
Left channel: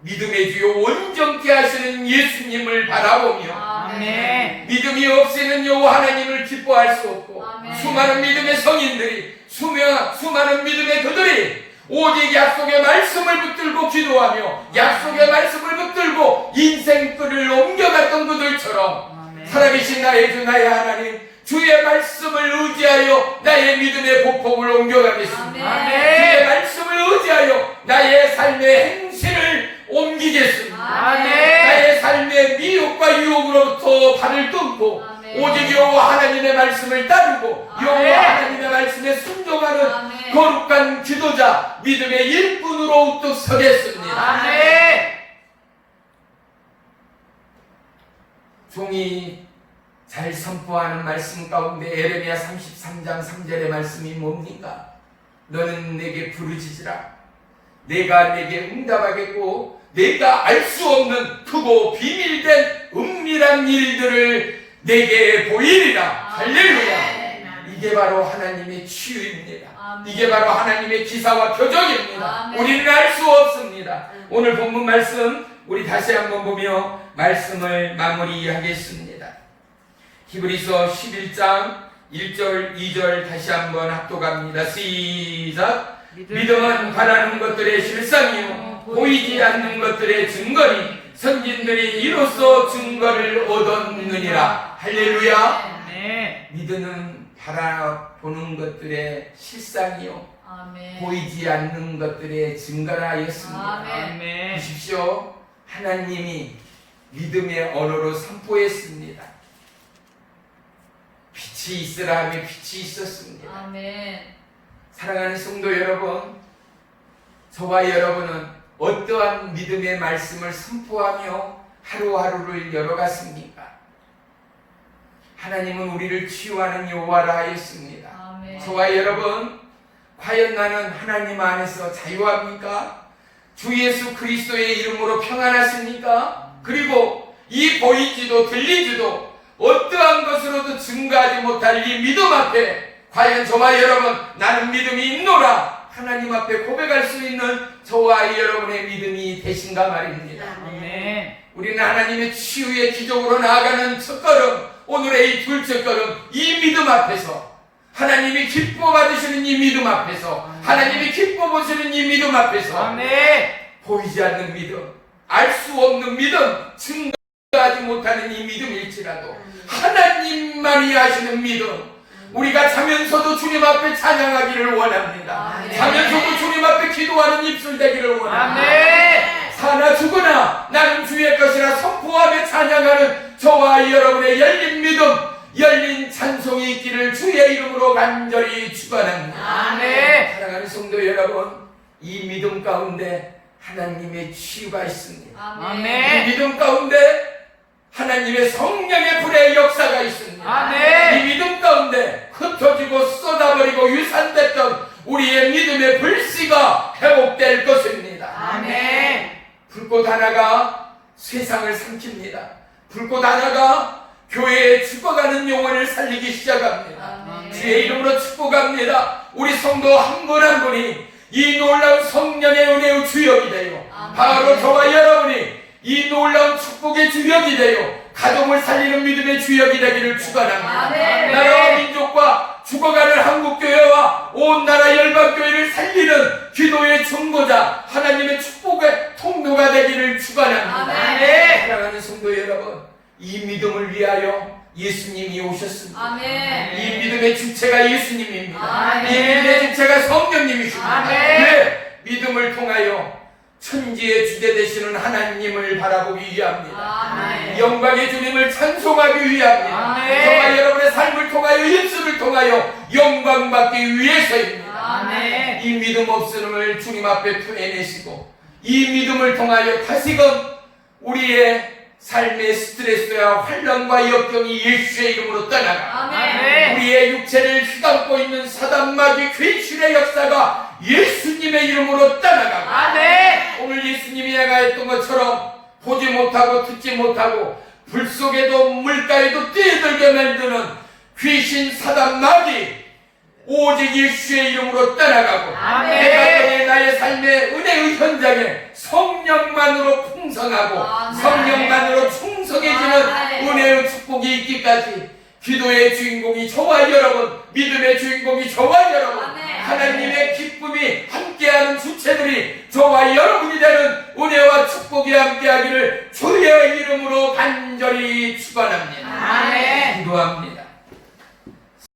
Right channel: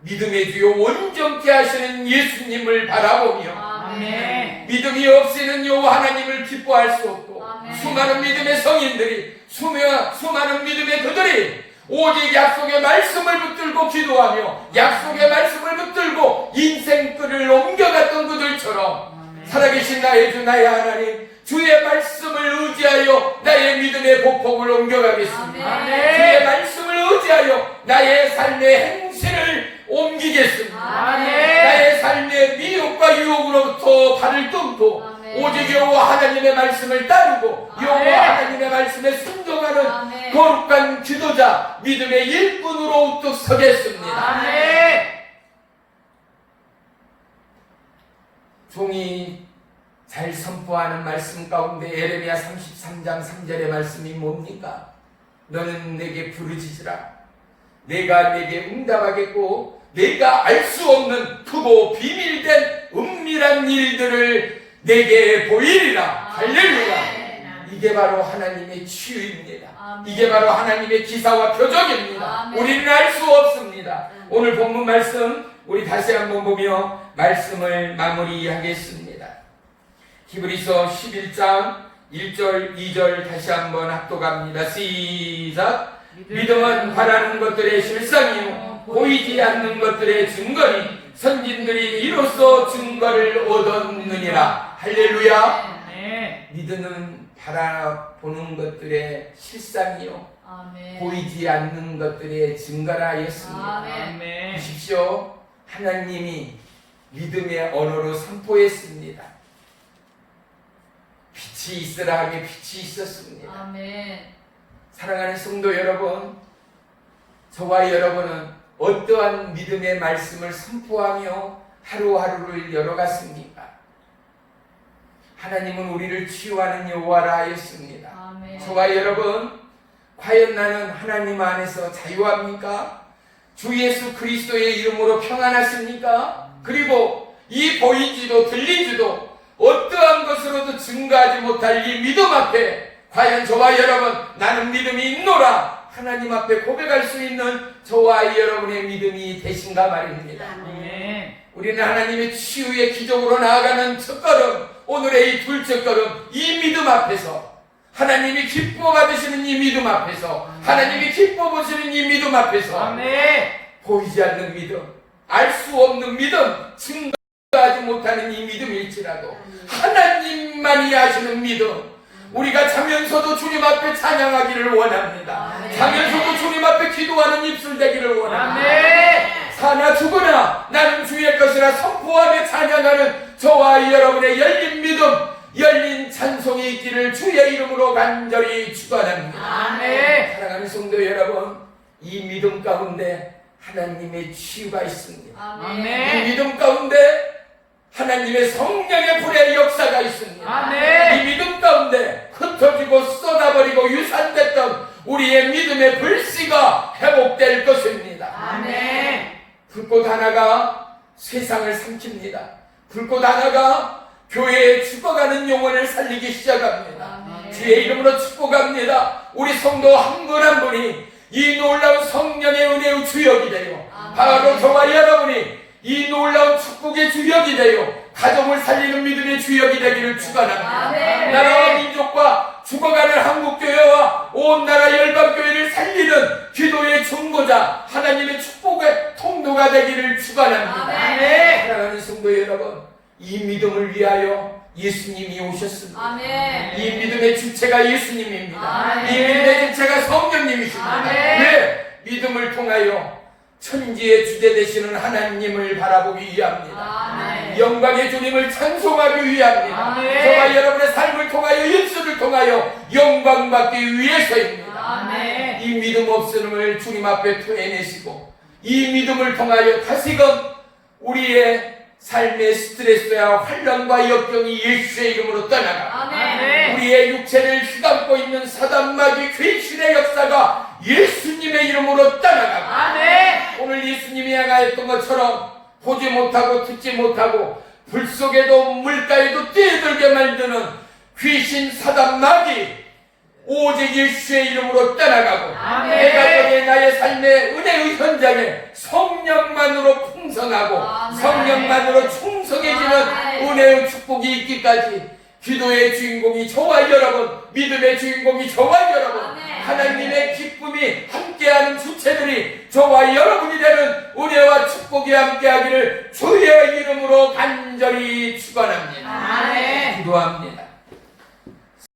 믿음의 주요 온전케 하시는 예수님을 바라보며 아멘. 믿음이 없이는 요 하나님을 기뻐할 수 없고 아멘. 수많은 믿음의 성인들이 수많은 믿음의 그들이 오직 약속의 말씀을 붙들고 기도하며 약속의 말씀을 붙들고 인생길을 옮겨갔던 그들처럼 살아계신 나의 주 나의 하나님 주의 말씀을 의지하여 나의 믿음의 보폭을 옮겨가겠습니다. 아멘. 주의 말씀을 의지하여 나의 삶의 행실을 옮기겠습니다. 아멘. 나의 삶의 미혹과 유혹으로부터 발을 끊고 아멘. 오직 여호와 하나님의 말씀을 따르고 아멘. 여호와 하나님의 말씀에 순종하는 아멘. 거룩한 기도자 믿음의 일꾼으로 우뚝 서겠습니다. 아멘. 종이 잘 선포하는 말씀 가운데 에레미야 33장 3절의 말씀이 뭡니까? 너는 내게 부르짖으라. 내가 내게 응답하겠고 내가 알 수 없는 크고 비밀된 은밀한 일들을 내게 보이리라. 할렐루야. 이게 바로 하나님의 치유입니다. 이게 바로 하나님의 기사와 표적입니다. 우리는 알 수 없습니다. 오늘 본문 말씀 우리 다시 한번 보며 말씀을 마무리하겠습니다. 히브리서 11장 1절 2절 다시 한번 합독합니다. 시작. 믿음은 바라는 것들의 실상이요 보이지 않는 것들의 증거니 선진들이 이로써 증거를 얻었느니라. 할렐루야. 네. 믿음은 바라보는 것들의 실상이요 보이지 않는 것들의 증거라 하였습니다. 아멘. 보십시오. 하나님이 믿음의 언어로 선포했습니다. 빛이 있으라 하며 빛이 있었습니다. 사랑하는 성도 여러분, 저와 여러분은 어떠한 믿음의 말씀을 선포하며 하루하루를 열어갔습니까? 하나님은 우리를 치유하는 여호와라 하였습니다. 저와 여러분, 과연 나는 하나님 안에서 자유합니까? 주 예수 그리스도의 이름으로 평안하십니까? 그리고 이 보이지도 들리지도 어떠한 것으로도 증거하지 못할 이 믿음 앞에 과연 저와 여러분 나는 믿음이 있노라 하나님 앞에 고백할 수 있는 저와 여러분의 믿음이 되신가 말입니다. 아멘. 우리는 하나님의 치유의 기적으로 나아가는 첫걸음, 오늘의 이 둘째 걸음, 이 믿음 앞에서 하나님이 기뻐 받으시는 이 믿음 앞에서 하나님이 기뻐 보시는 이 믿음 앞에서 아멘. 보이지 않는 믿음, 알 수 없는 믿음, 증거하지 못하는 이 믿음일지라도 하나님만이 하시는 믿음, 우리가 자면서도 주님 앞에 찬양하기를 원합니다. 아멘. 자면서도 주님 앞에 기도하는 입술 되기를 원합니다. 아멘. 사나 죽으나 나는 주의 것이라 선포하며 찬양하는 저와 여러분의 열린 믿음, 열린 찬송이 있기를 주의 이름으로 간절히 축원합니다. 아멘. 사랑하는 성도 여러분, 이 믿음 가운데 하나님의 치유가 있습니다. 이 아멘. 믿음 가운데 하나님의 성령의 불의 역사가 있습니다. 아멘. 이 믿음 가운데 흩어지고 쏟아버리고 유산됐던 우리의 믿음의 불씨가 회복될 것입니다. 아멘. 불꽃 하나가 세상을 삼킵니다. 불꽃 하나가 교회에 죽어가는 영혼을 살리기 시작합니다. 아멘. 주의 이름으로 축복합니다. 우리 성도 한 분 한 분이 이 놀라운 성령의 은혜의 주역이 되어 바로 저와 여러분이 이 놀라운 축복의 주역이 되어 가정을 살리는 믿음의 주역이 되기를 축원합니다. 아멘. 나라와 민족과 죽어가는 한국교회와 온 나라 열방교회를 살리는 기도의 중보자 하나님의 축복의 통로가 되기를 축원합니다. 아멘. 사랑하는 성도 여러분, 이 믿음을 위하여 예수님이 오셨습니다. 아멘. 이 믿음의 주체가 예수님입니다. 아멘. 이 믿음의 주체가 성령님이십니다. 아멘. 왜? 믿음을 통하여 천지의 주제 되시는 하나님을 바라보기 위함니다. 아멘. 영광의 주님을 찬송하기 위함니다. 아멘. 저와 여러분의 삶을 통하여 예수를 통하여 영광 받기 위해서입니다. 아멘. 이 믿음 없음을 주님 앞에 토해내시고 이 믿음을 통하여 다시금 우리의 삶의 스트레스와 환란과 역경이 예수의 이름으로 떠나가 아멘. 우리의 육체를 휘감고 있는 사단마귀 귀신의 역사가 예수님의 이름으로 떠나가고 아멘. 오늘 예수님이 행하였던 것처럼 보지 못하고 듣지 못하고 불 속에도 물가에도 뛰어들게 만드는 귀신 사단마귀 오직 예수의 이름으로 떠나가고 아멘. 내가 나의 삶의 은혜의 현장에 성령만으로 풍성하고 아멘. 성령만으로 충성해지는 아멘. 은혜의 축복이 있기까지 기도의 주인공이 저와 여러분, 믿음의 주인공이 저와 여러분, 아멘. 하나님의 기쁨이 함께하는 주체들이 저와 여러분이 되는 은혜와 축복이 함께하기를 주의 이름으로 간절히 축원합니다. 아멘. 기도합니다.